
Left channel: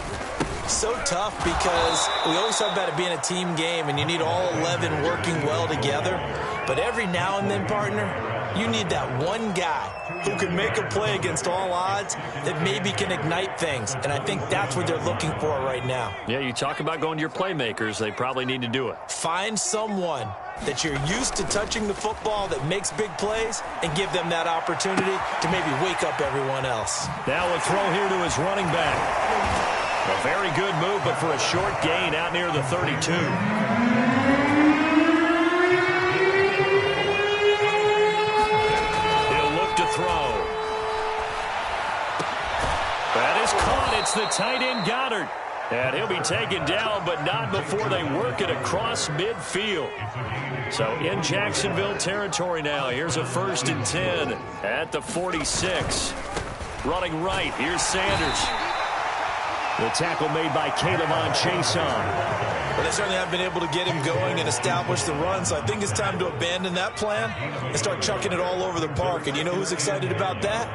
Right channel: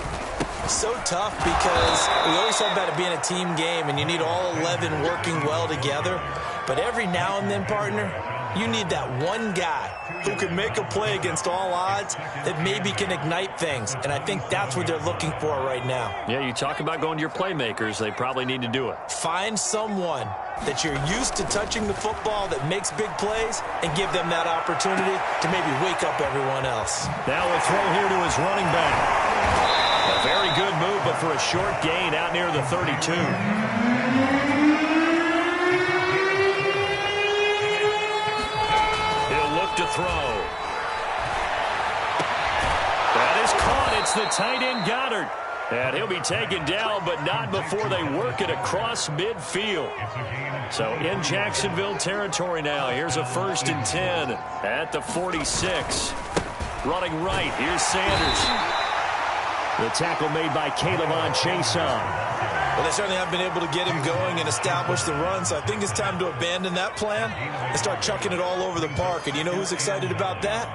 So tough because we always talk about it being a team game, and you need all 11 working well together. But every now and then, partner, you need that one guy who can make a play against all odds that maybe can ignite things. And I think that's what they're looking for right now. Yeah, you talk about going to your playmakers. They probably need to do it. Find someone that you're used to touching the football that makes big plays and give them that opportunity to maybe wake up everyone else. Now a throw here to his running back. A very good move, but for a short gain out near the 32. To throw. That is caught. It's the tight end Goddard. And he'll be taken down, but not before they work it across midfield. So in Jacksonville territory now. Here's a 1st and 10 at the 46. Running right. Here's Sanders. The tackle made by K'Lavon Chaisson. Well, they certainly have been able to get him going and establish the run, so I think it's time to abandon that plan and start chucking it all over the park. And you know who's excited about that?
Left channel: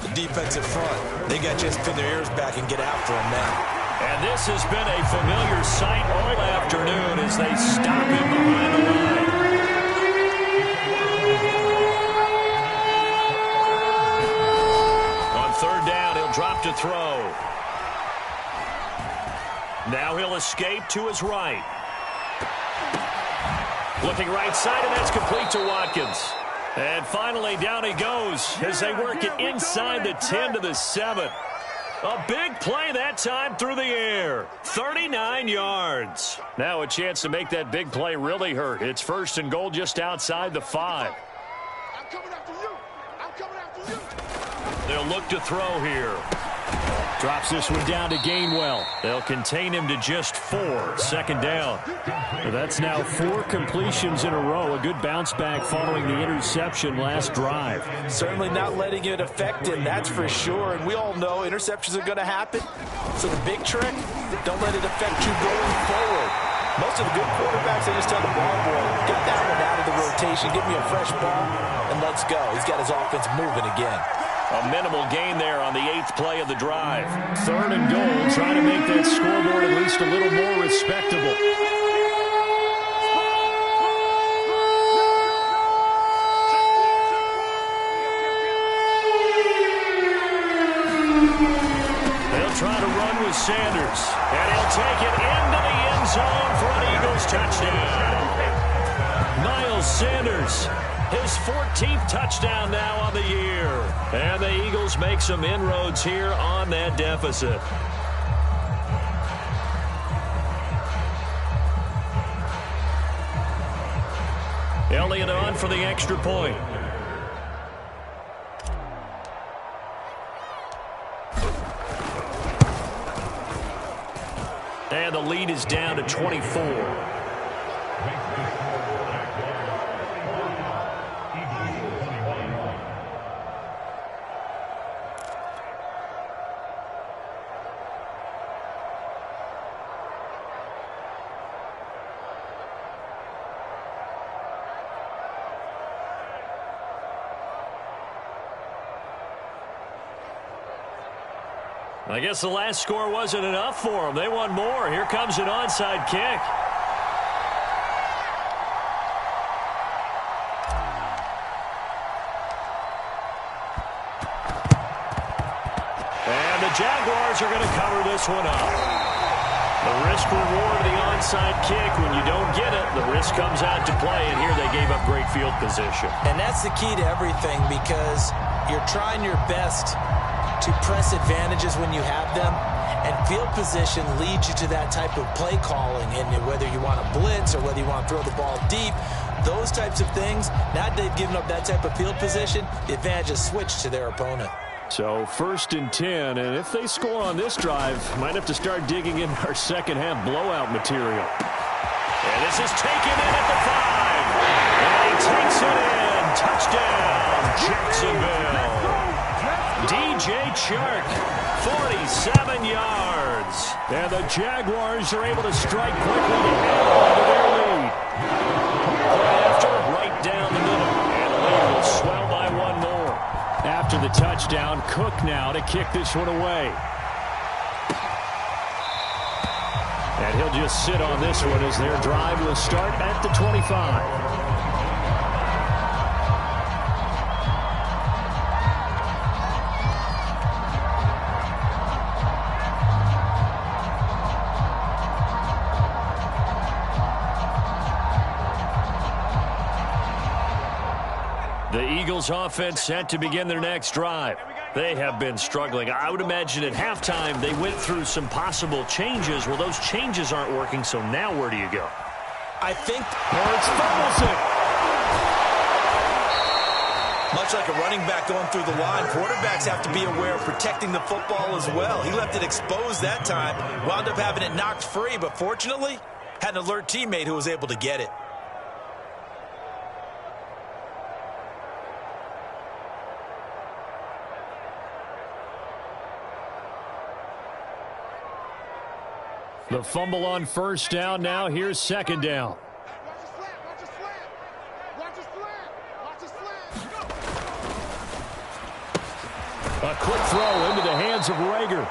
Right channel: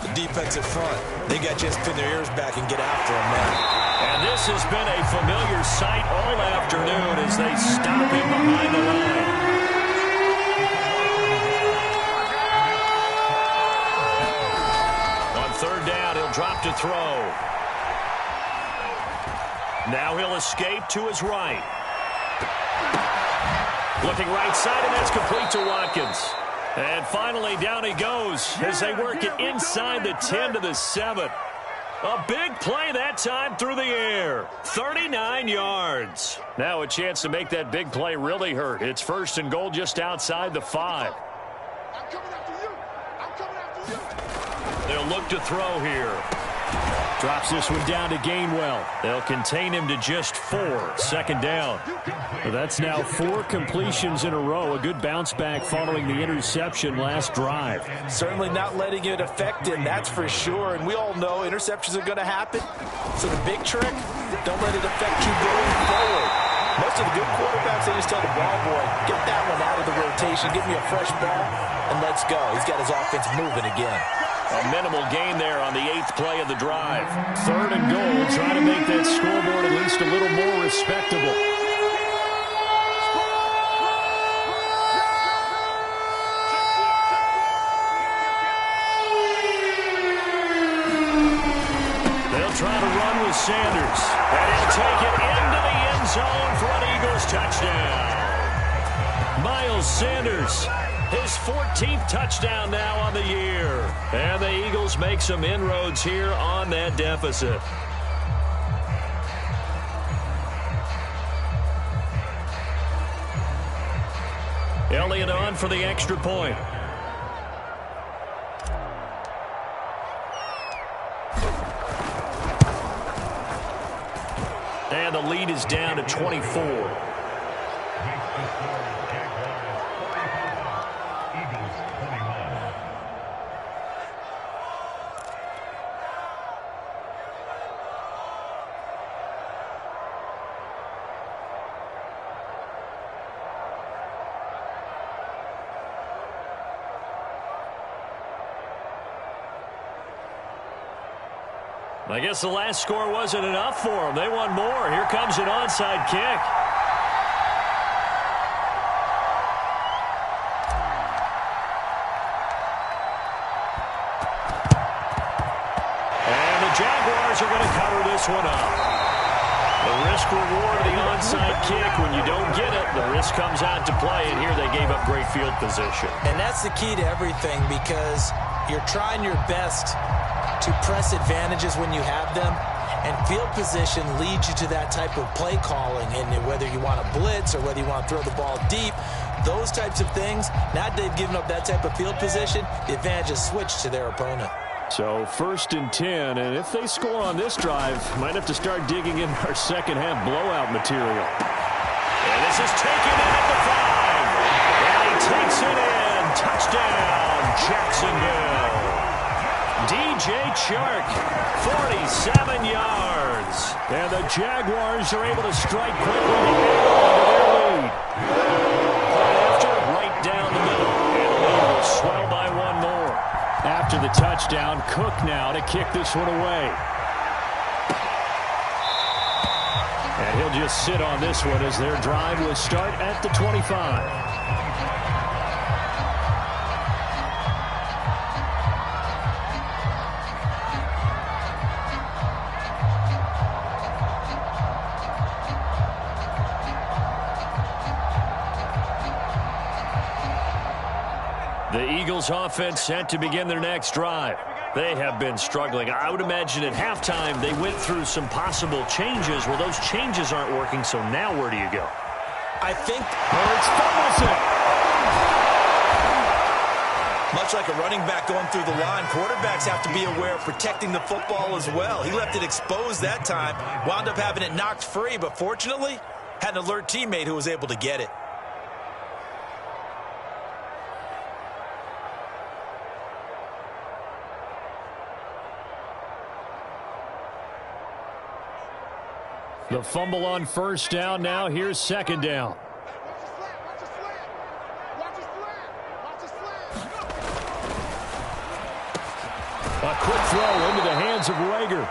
The defensive front. They got to just pin their ears back and get after him now. And this has been a familiar sight all afternoon as they stop him behind the line. On 3rd down, he'll drop to throw. Now he'll escape to his right. Looking right side, and that's complete to Watkins. And finally, down he goes as they work it inside the 10 to the 7. A big play that time through the air. 39 yards. Now a chance to make that big play really hurt. It's 1st and goal just outside the 5. I'm coming after you. I'm coming after you. They'll look to throw here. Drops this one down to Gainwell. They'll contain him to just 4. 2nd down. That's now 4 completions in a row. A good bounce back following the interception last drive. Certainly not letting it affect him, that's for sure. And we all know interceptions are going to happen. So the big trick, don't let it affect you going forward. Most of the good quarterbacks, they just tell the ball boy, get that one out of the rotation, give me a fresh ball, and let's go. He's got his offense moving again. A minimal gain there on the 8th play of the drive. 3rd and goal, trying to make that scoreboard at least a little more respectable. They'll try to run with Sanders, and he'll take it into the end zone for an Eagles touchdown. Miles Sanders, his 14th touchdown now on the year. And the Eagles make some inroads here on that deficit. Elliott on for the extra point. And the lead is down to 24. I guess the last score wasn't enough for them. They want more. Here comes an onside kick. And the Jaguars are going to cover this one up. The risk-reward of the onside kick, when you don't get it, the risk comes out to play, and here they gave up great field position. And that's the key to everything, because you're trying your best to press advantages when you have them, and field position leads you to that type of play calling. And whether you want to blitz or whether you want to throw the ball deep, those types of things, now that they've given up that type of field position, the advantage is switched to their opponent. So 1st and 10, and if they score on this drive, might have to start digging in our second half blowout material. And this is taken in at the 5. And he takes it in. Touchdown, Jacksonville. DJ Chark, 47 yards. And the Jaguars are able to strike quickly to add on to their lead. Point after, right down the middle. And the lead will swell by one more. After the touchdown, Cook now to kick this one away. And he'll just sit on this one as their drive will start at the 25. The Eagles offense set to begin their next drive. They have been struggling. I would imagine at halftime they went through some possible changes. Well, those changes aren't working, so now where do you go? I think Hurts fumbles it. much like a running back going through the line, quarterbacks have to be aware of protecting the football as well. He left it exposed that time, wound up having it knocked free, but fortunately had an alert teammate who was able to get it. The fumble on first down. Now here's second down. Watch the slant. Watch the slant. Watch the slant. Watch the slant. A quick throw into the hands of Rager.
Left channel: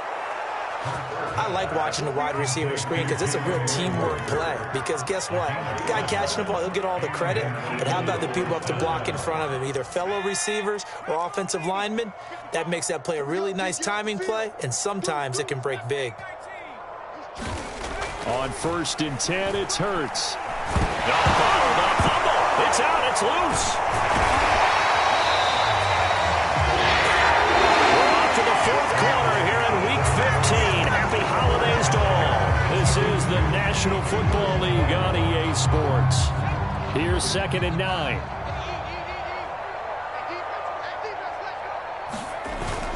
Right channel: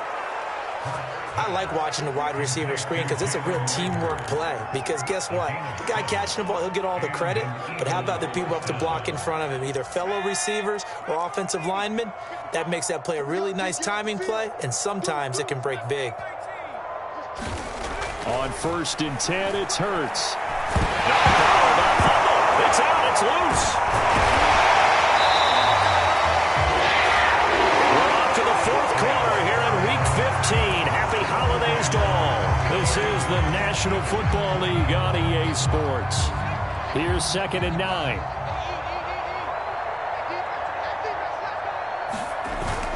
I like watching the wide receiver screen because it's a real teamwork play. Because guess what? The guy catching the ball, he'll get all the credit. But how about the people who have to block in front of him, either fellow receivers or offensive linemen? That makes that play a really nice timing play, and sometimes it can break big. On 1st and 10, it's Hurts. No, bottled up fumble. It's out. It's loose. We're off to the 4th quarter here in Week 15. Happy holidays to all. This is the National Football League on EA Sports. Here's 2nd and 9.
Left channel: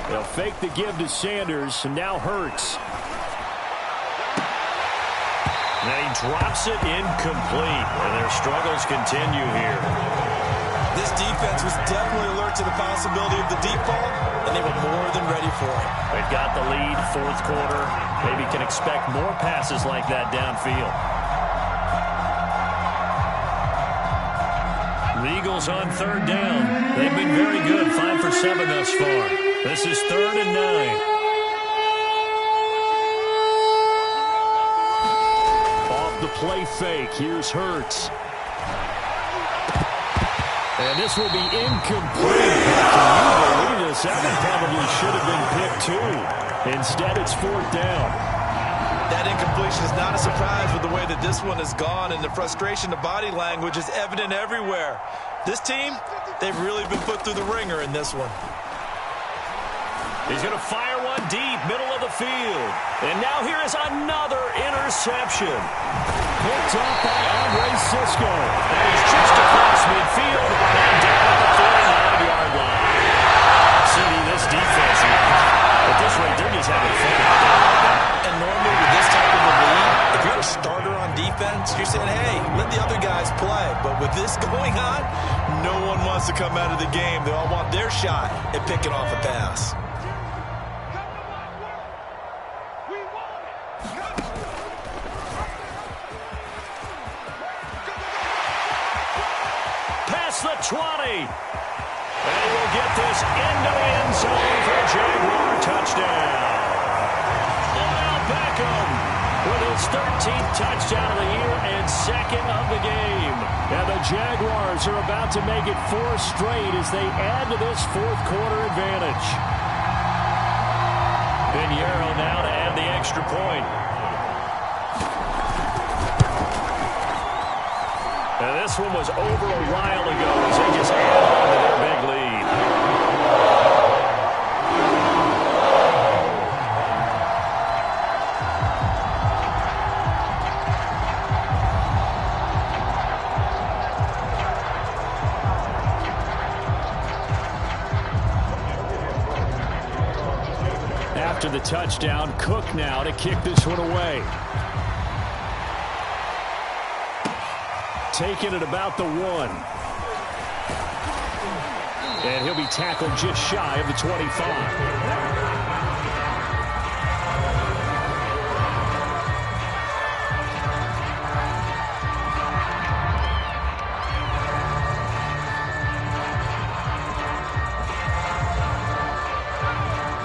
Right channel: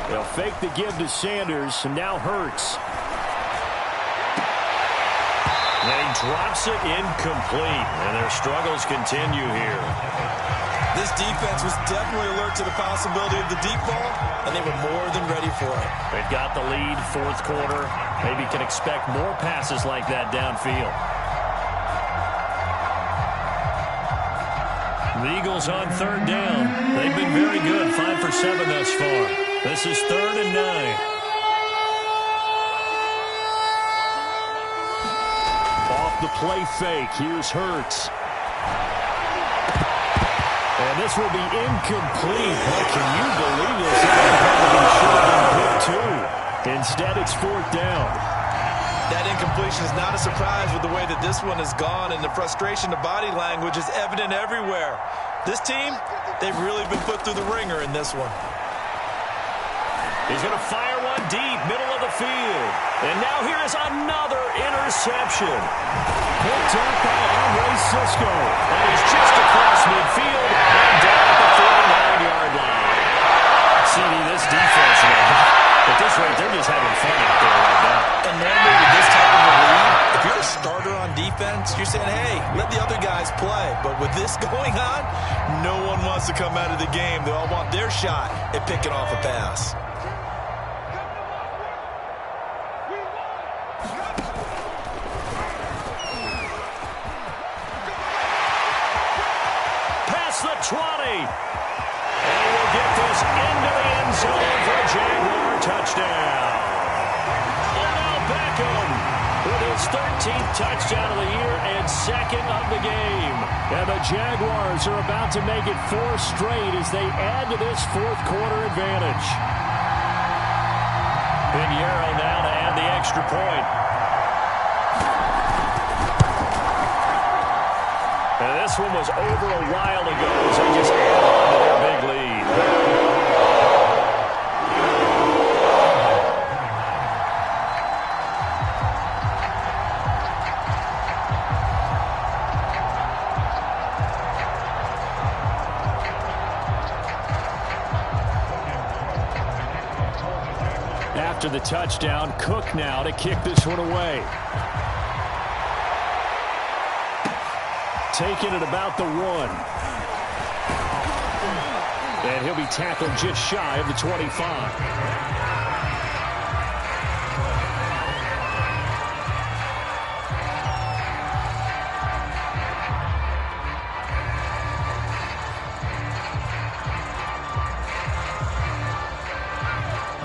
They'll fake the give to Sanders, and now Hurts. And he drops it incomplete, and their struggles continue here. This defense was definitely alert to the possibility of the deep ball, and they were more than ready for it. They've got the lead, 4th quarter. Maybe can expect more passes like that downfield. The Eagles on 3rd down. They've been very good, 5 for 7 thus far. This is 3rd and 9. The play fake. Here's Hurts. And this will be incomplete. Can you believe this? That probably should have been picked too. Instead, it's 4th down. That incompletion is not a surprise with the way that this one has gone, and the frustration, the body language is evident everywhere. This team, they've really been put through the ringer in this one. He's going to fire one deep, middle of the field. And now here is another interception. Picked up by Andre Cisco. And he's just across midfield and down at the 49-yard line. CD, this defense, at this rate, they're just having fun out there right now. And normally with this type of a lead, if you're a starter on defense, you're saying, hey, let the other guys play. But with this going on, no one wants to come out of the game. They all want their shot at picking off a pass. The 20. And he will get this into the end zone for a Jaguar touchdown. Odell Beckham with his 13th touchdown of the year and 2nd of the game. And the Jaguars are about to make it 4 straight as they add to this 4th quarter advantage. Pinheiro now to add the extra point. And this one was over a while ago as they just add on to their big lead. After the touchdown, Cook now to kick this one away. Taken at about the 1. And he'll be tackled just shy of the 25.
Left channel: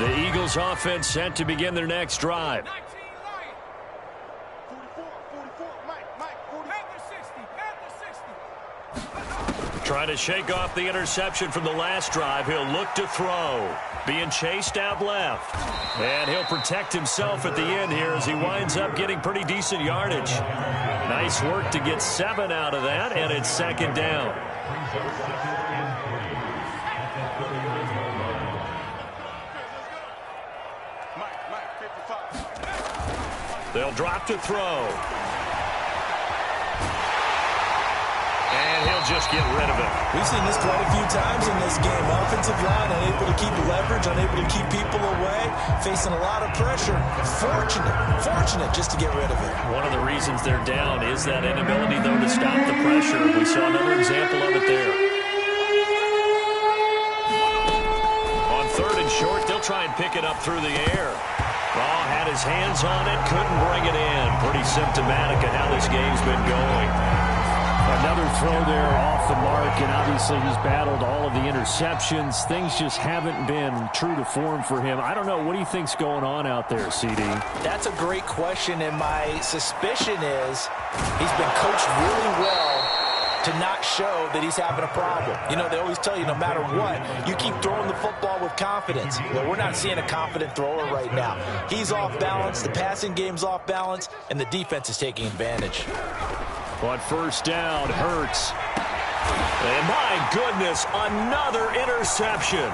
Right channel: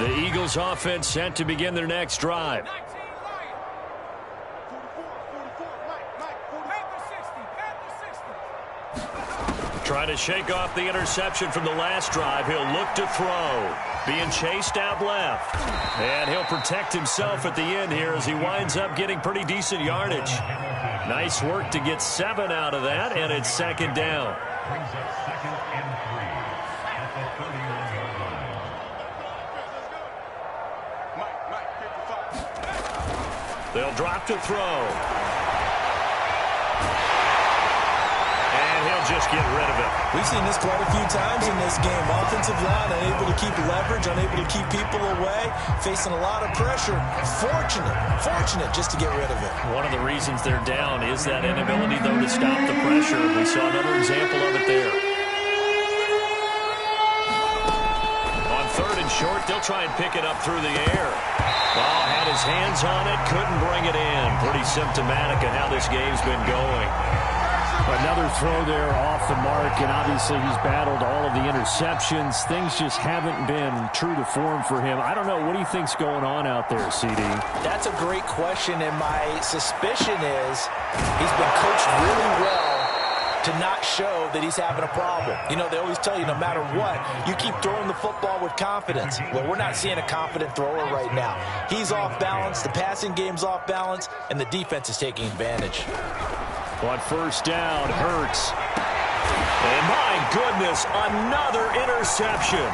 The Eagles offense set to begin their next drive. 44, Mike, 40. Panther 60. Trying to shake off the interception from the last drive. He'll look to throw. Being chased out left. And he'll protect himself at the end here as he winds up getting pretty decent yardage. Nice work to get 7 out of that, and it's second down. Brings up 2nd and 3 at the 39-yard line. Mike, 55. They'll drop to throw. And he'll just get rid of it. We've seen this quite a few times in this game. Offensive line unable to keep leverage, unable to keep people away, facing a lot of pressure. Fortunate just to get rid of it. One of the reasons they're down is that inability, though, to stop the pressure. We saw another example of it there. On 3rd and short, they'll try and pick it up through the air. Ball had his hands on it, couldn't bring it in. Pretty symptomatic of how this game's been going. Another throw there off the mark, and obviously he's battled all of the interceptions. Things just haven't been true to form for him. I don't know. What do you think's going on out there, CD? That's a great question, and my suspicion is he's been coached really well to not show that he's having a problem. You know, they always tell you no matter what, you keep throwing the football with confidence. Well, we're not seeing a confident thrower right now. He's off balance, the passing game's off balance, and the defense is taking advantage. On 1st down, Hurts. And my goodness, another interception.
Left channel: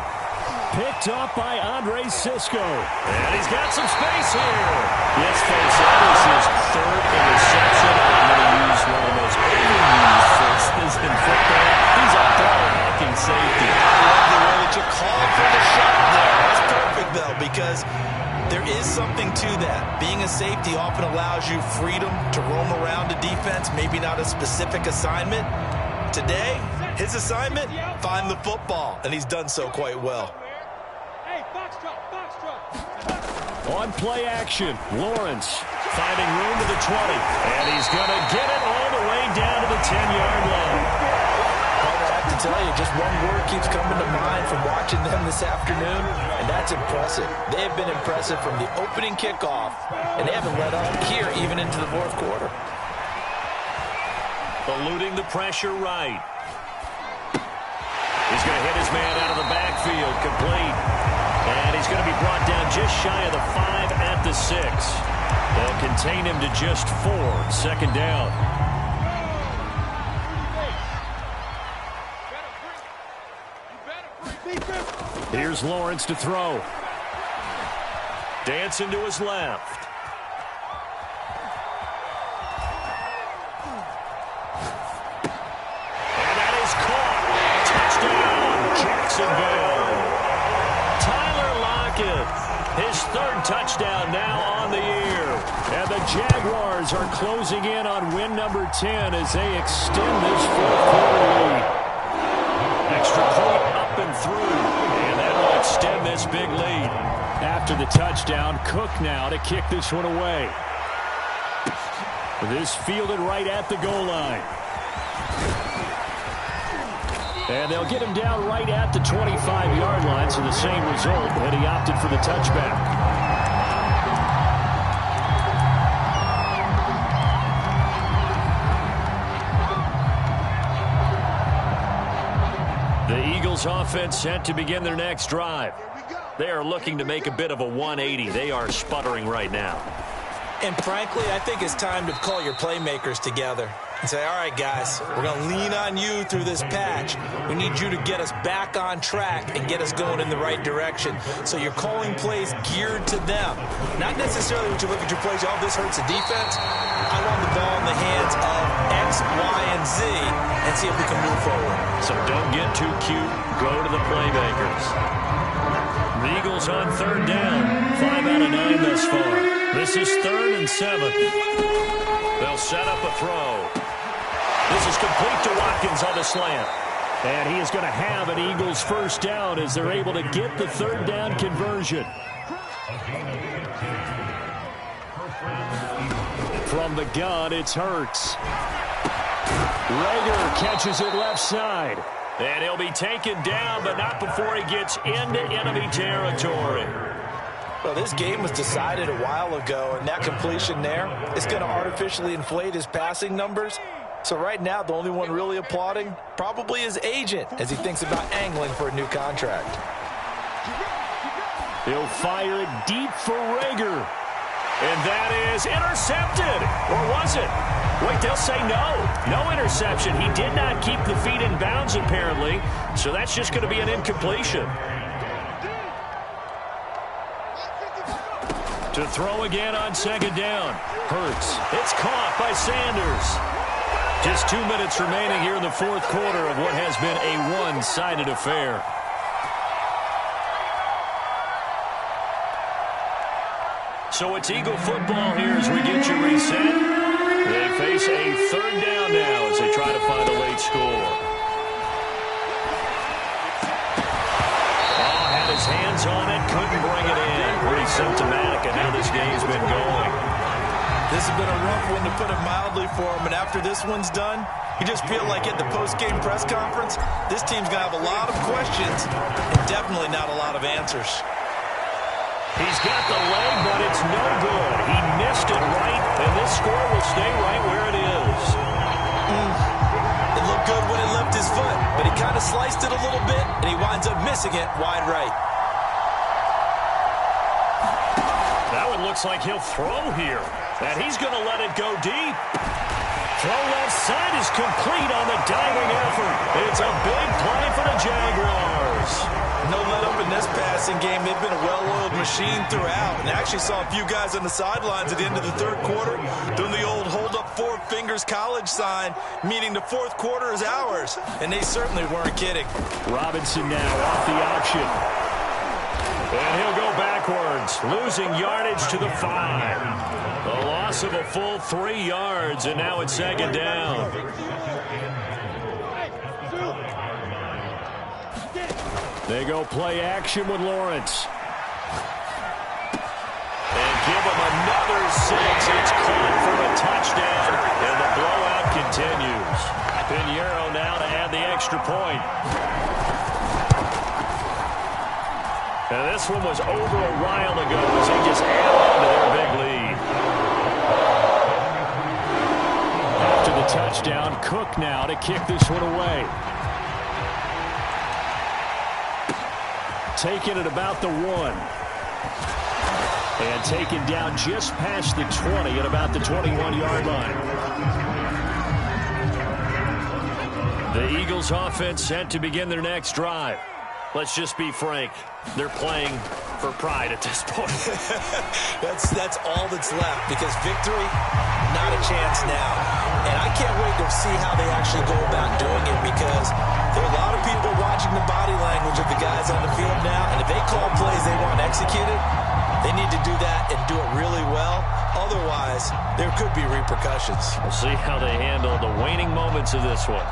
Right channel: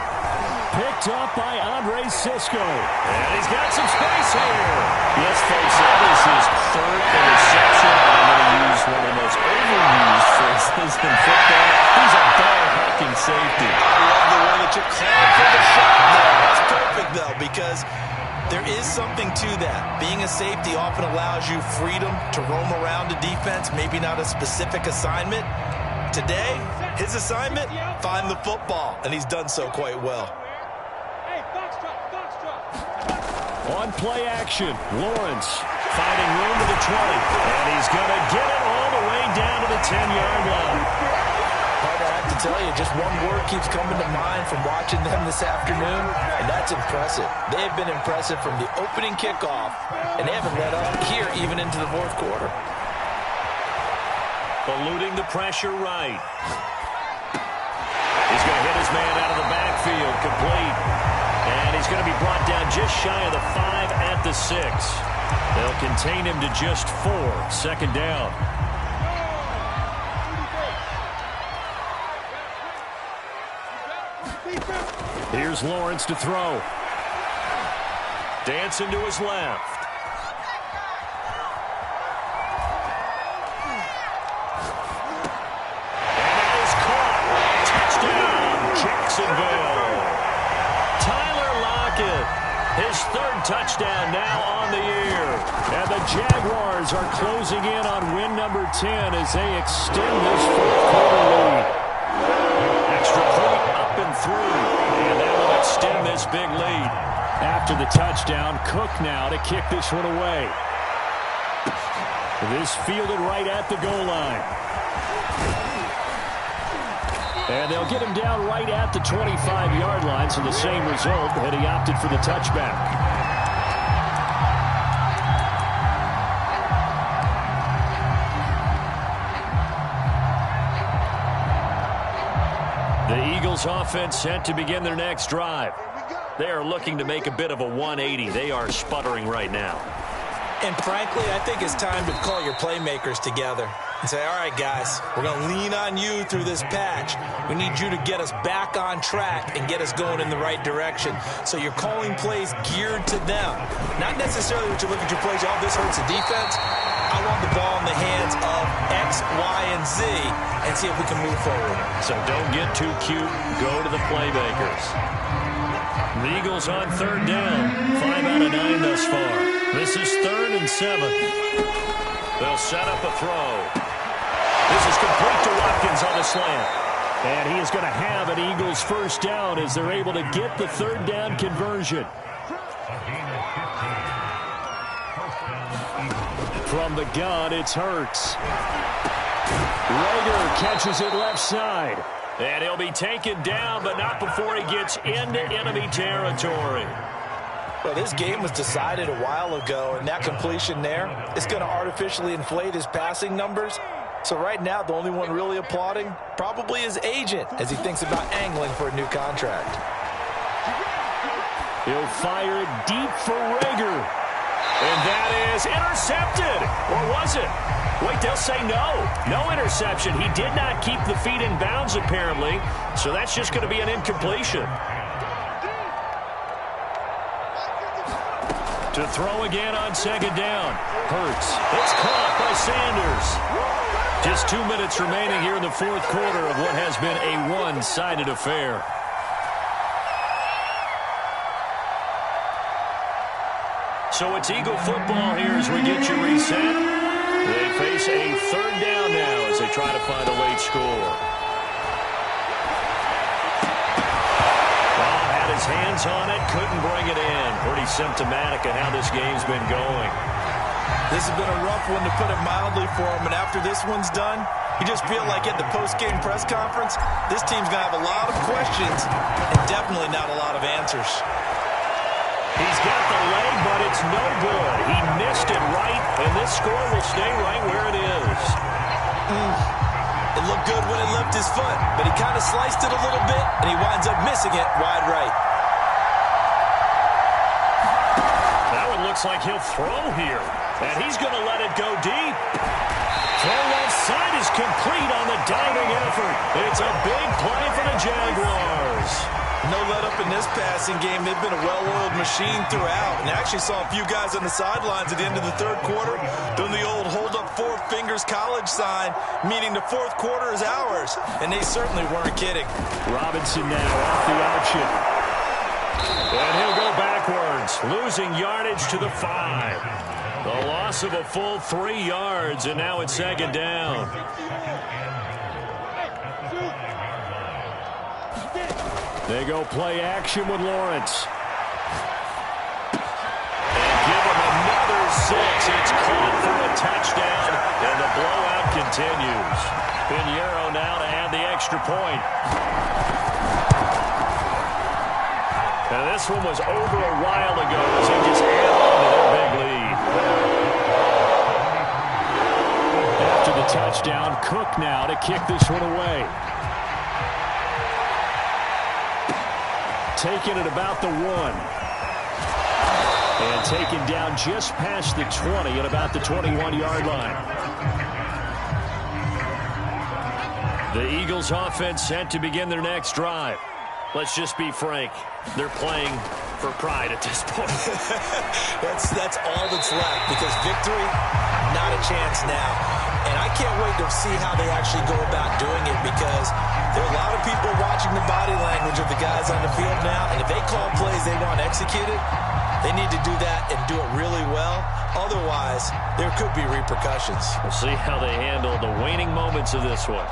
Picked up by Andre Cisco. And he's got some space here. Yes, folks, that is his 3rd interception. I'm going to use one of the most overused phrases in football. He's a ball-hawking safety. I love the way that you called for the shot there. That's perfect, though, because there is something to that. Being a safety often allows you freedom to roam around a defense, maybe not a specific assignment. Today, his assignment, find the football, and he's done so quite well. Hey, box drop. On play action, Lawrence finding room to the 20, and he's going to get it all the way down to the 10-yard line. Partner, I have to tell you, just one word keeps coming to mind from watching them this afternoon, and that's impressive. They have been impressive from the opening kickoff, and they haven't let up here even into the 4th quarter. Eluding the pressure right. He's going to hit his man out of the backfield, complete. And he's going to be brought down just shy of the 5 at the 6. They'll contain him to just 4. 2nd down. Here's Lawrence to throw. Dancing to his left. And that is caught. Touchdown, Jacksonville. Tyler Lockett, his 3rd touchdown now on the year. And the Jaguars are closing in on win number 10 as they extend this 4th quarter lead. Extra point up and through, and that will extend this big lead. After the touchdown, Cook now to kick this one away. This fielded right at the goal line. And they'll get him down right at the 25-yard line, so the same result had he opted for the touchback. The Eagles offense set to begin their next drive. They are looking to make a bit of a 180. They are sputtering right now. And frankly, I think it's time to call your playmakers together and say, all right, guys, we're going to lean on you through this patch. We need you to get us back on track and get us going in the right direction. So you're calling plays geared to them. Not necessarily when you look at your plays, oh, this hurts the defense. I want the ball in the hands of X, Y, and Z and see if we can move forward. So don't get too cute. Go to the playmakers. The Eagles on 3rd down. 5 out of 9 thus far. This is 3rd and 7. They'll set up a throw. This is complete to Watkins on the slant. And he is going to have an Eagles 1st down as they're able to get the 3rd down conversion. A gain of 15. 1st down, Eagles. From the gun, it's Hurts. Rager catches it left side. And he'll be taken down, but not before he gets into enemy territory. Well, this game was decided a while ago, and that completion there is going to artificially inflate his passing numbers. So right now, the only one really applauding probably his agent as he thinks about angling for a new contract. He'll fire it deep for Rager. And that is intercepted. Or was it? Wait, they'll say no. No interception. He did not keep the feet in bounds, apparently. So that's just going to be an incompletion. To throw again on second down. Hurts. It's caught by Sanders. Just 2 minutes remaining here in the fourth quarter of what has been a one-sided affair. So it's Eagle football here as we get you reset. They face a third down now as they try to find a late score. Oh, had his hands on it, couldn't bring it in. Pretty symptomatic of how this game's been going. This has been a rough one, to put it mildly, for him. And after this one's done, you just feel like at the post-game press conference, this team's going to have a lot of questions and definitely not a lot of answers. He's got the leg, but it's no good. He missed it right, and this score will stay right where it is. It looked good when it left his foot, but he kind of sliced it a little bit, and he winds up missing it wide right. That one looks like he'll throw here, and he's going to let it go deep. Throw left side is complete on the diving effort. It's a big play for the Jaguars. No let-up in this passing game. They've been a well-oiled machine throughout. And I actually saw a few guys on the sidelines at the end of the third quarter doing the old hold-up four fingers college sign, meaning the fourth quarter is ours. And they certainly weren't kidding. Robinson now off the option. And he'll go backwards, losing yardage to the 5. The loss of a full 3 yards, and now it's second down. They go play action with Lawrence. And give him another 6. It's caught for a touchdown, and the blowout continues. Pinheiro now to add the extra point. And this one was over a while ago as they just add on to their big lead. After the touchdown, Cook now to kick this one away. Taken at about the 1. And taken down just past the 20 at about the 21-yard line. The Eagles offense set to begin their next drive. Let's just be frank. They're playing for pride at this point. That's all that's left, because victory, not a chance now. And I can't wait to see how they actually go about doing it, because there are a lot of people watching the body language of the guys on the field now, and if they call plays they want executed, they need to do that and do it really well. Otherwise, there could be repercussions. We'll see how they handle the waning moments of this one.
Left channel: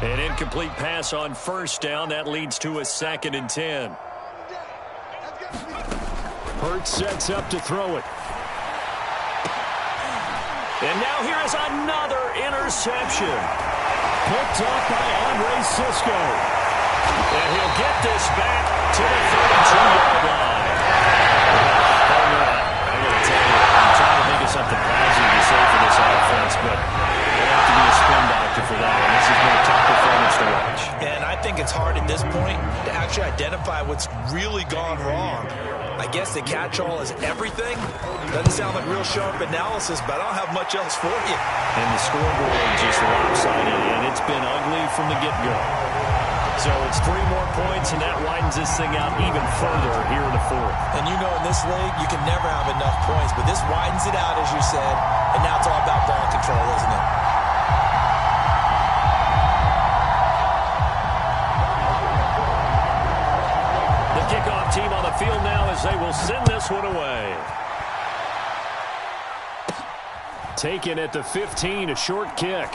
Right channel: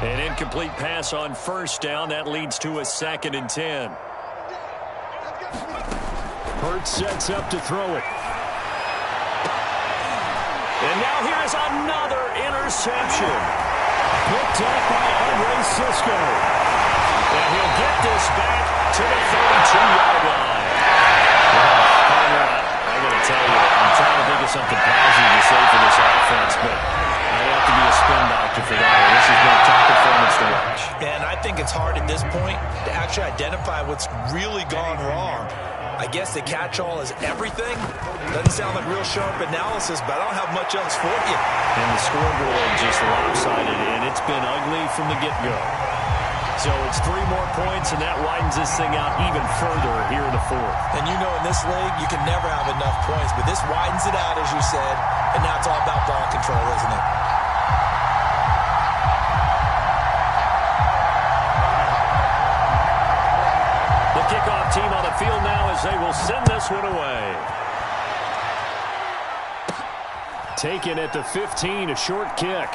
An incomplete pass on first down. That leads to a 2nd and 10. Hurts sets up to throw it. And now here is another interception. Picked up by Andre Cisco. And he'll get this back to the 32-yard line. Partner, I got to tell you, I'm trying to think of something positive to say for this offense, but I have to be a spin doctor for that one. This has been a tough performance to watch. And I think it's hard at this point to actually identify what's really gone wrong. I guess the catch-all is everything. Doesn't sound like real sharp analysis, but I don't have much else for you. And the scoreboard just lopsided, and it's been ugly from the get-go. So it's 3 more points, and that widens this thing out even further here in the fourth. And you know in this league, you can never have enough points, but this widens it out, as you said, and now it's all about ball control, isn't it? The kickoff team on the field now as they will send this one away. Taken at the 15, a short kick.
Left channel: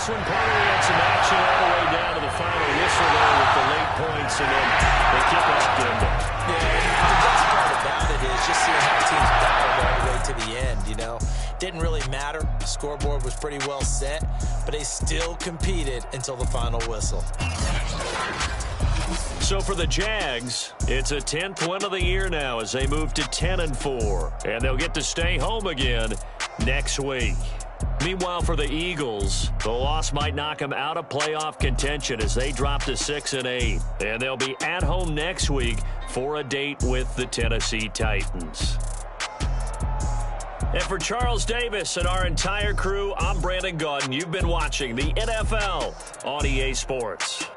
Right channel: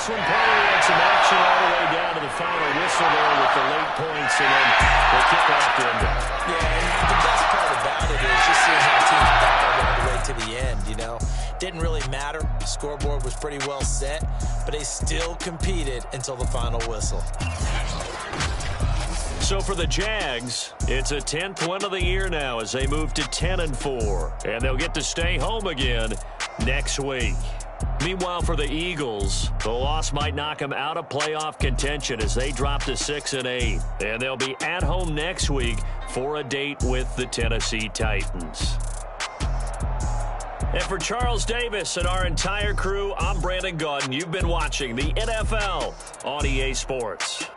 this one, probably had some action all the way down to the final whistle there with the late points, and then the kickoff to end it. Yeah, and the best part about it is just seeing how teams battled all the way to the end, you know. Didn't really matter. The scoreboard was pretty well set, but they still competed until the final whistle. So for the Jags, it's a 10th win of the year now as they move to 10-4, and they'll get to stay home again next week. Meanwhile, for the Eagles, the loss might knock them out of playoff contention as they drop to 6-8, and they'll be at home next week for a date with the Tennessee Titans. And for Charles Davis and our entire crew, I'm Brandon Gaudin. You've been watching the NFL on EA Sports.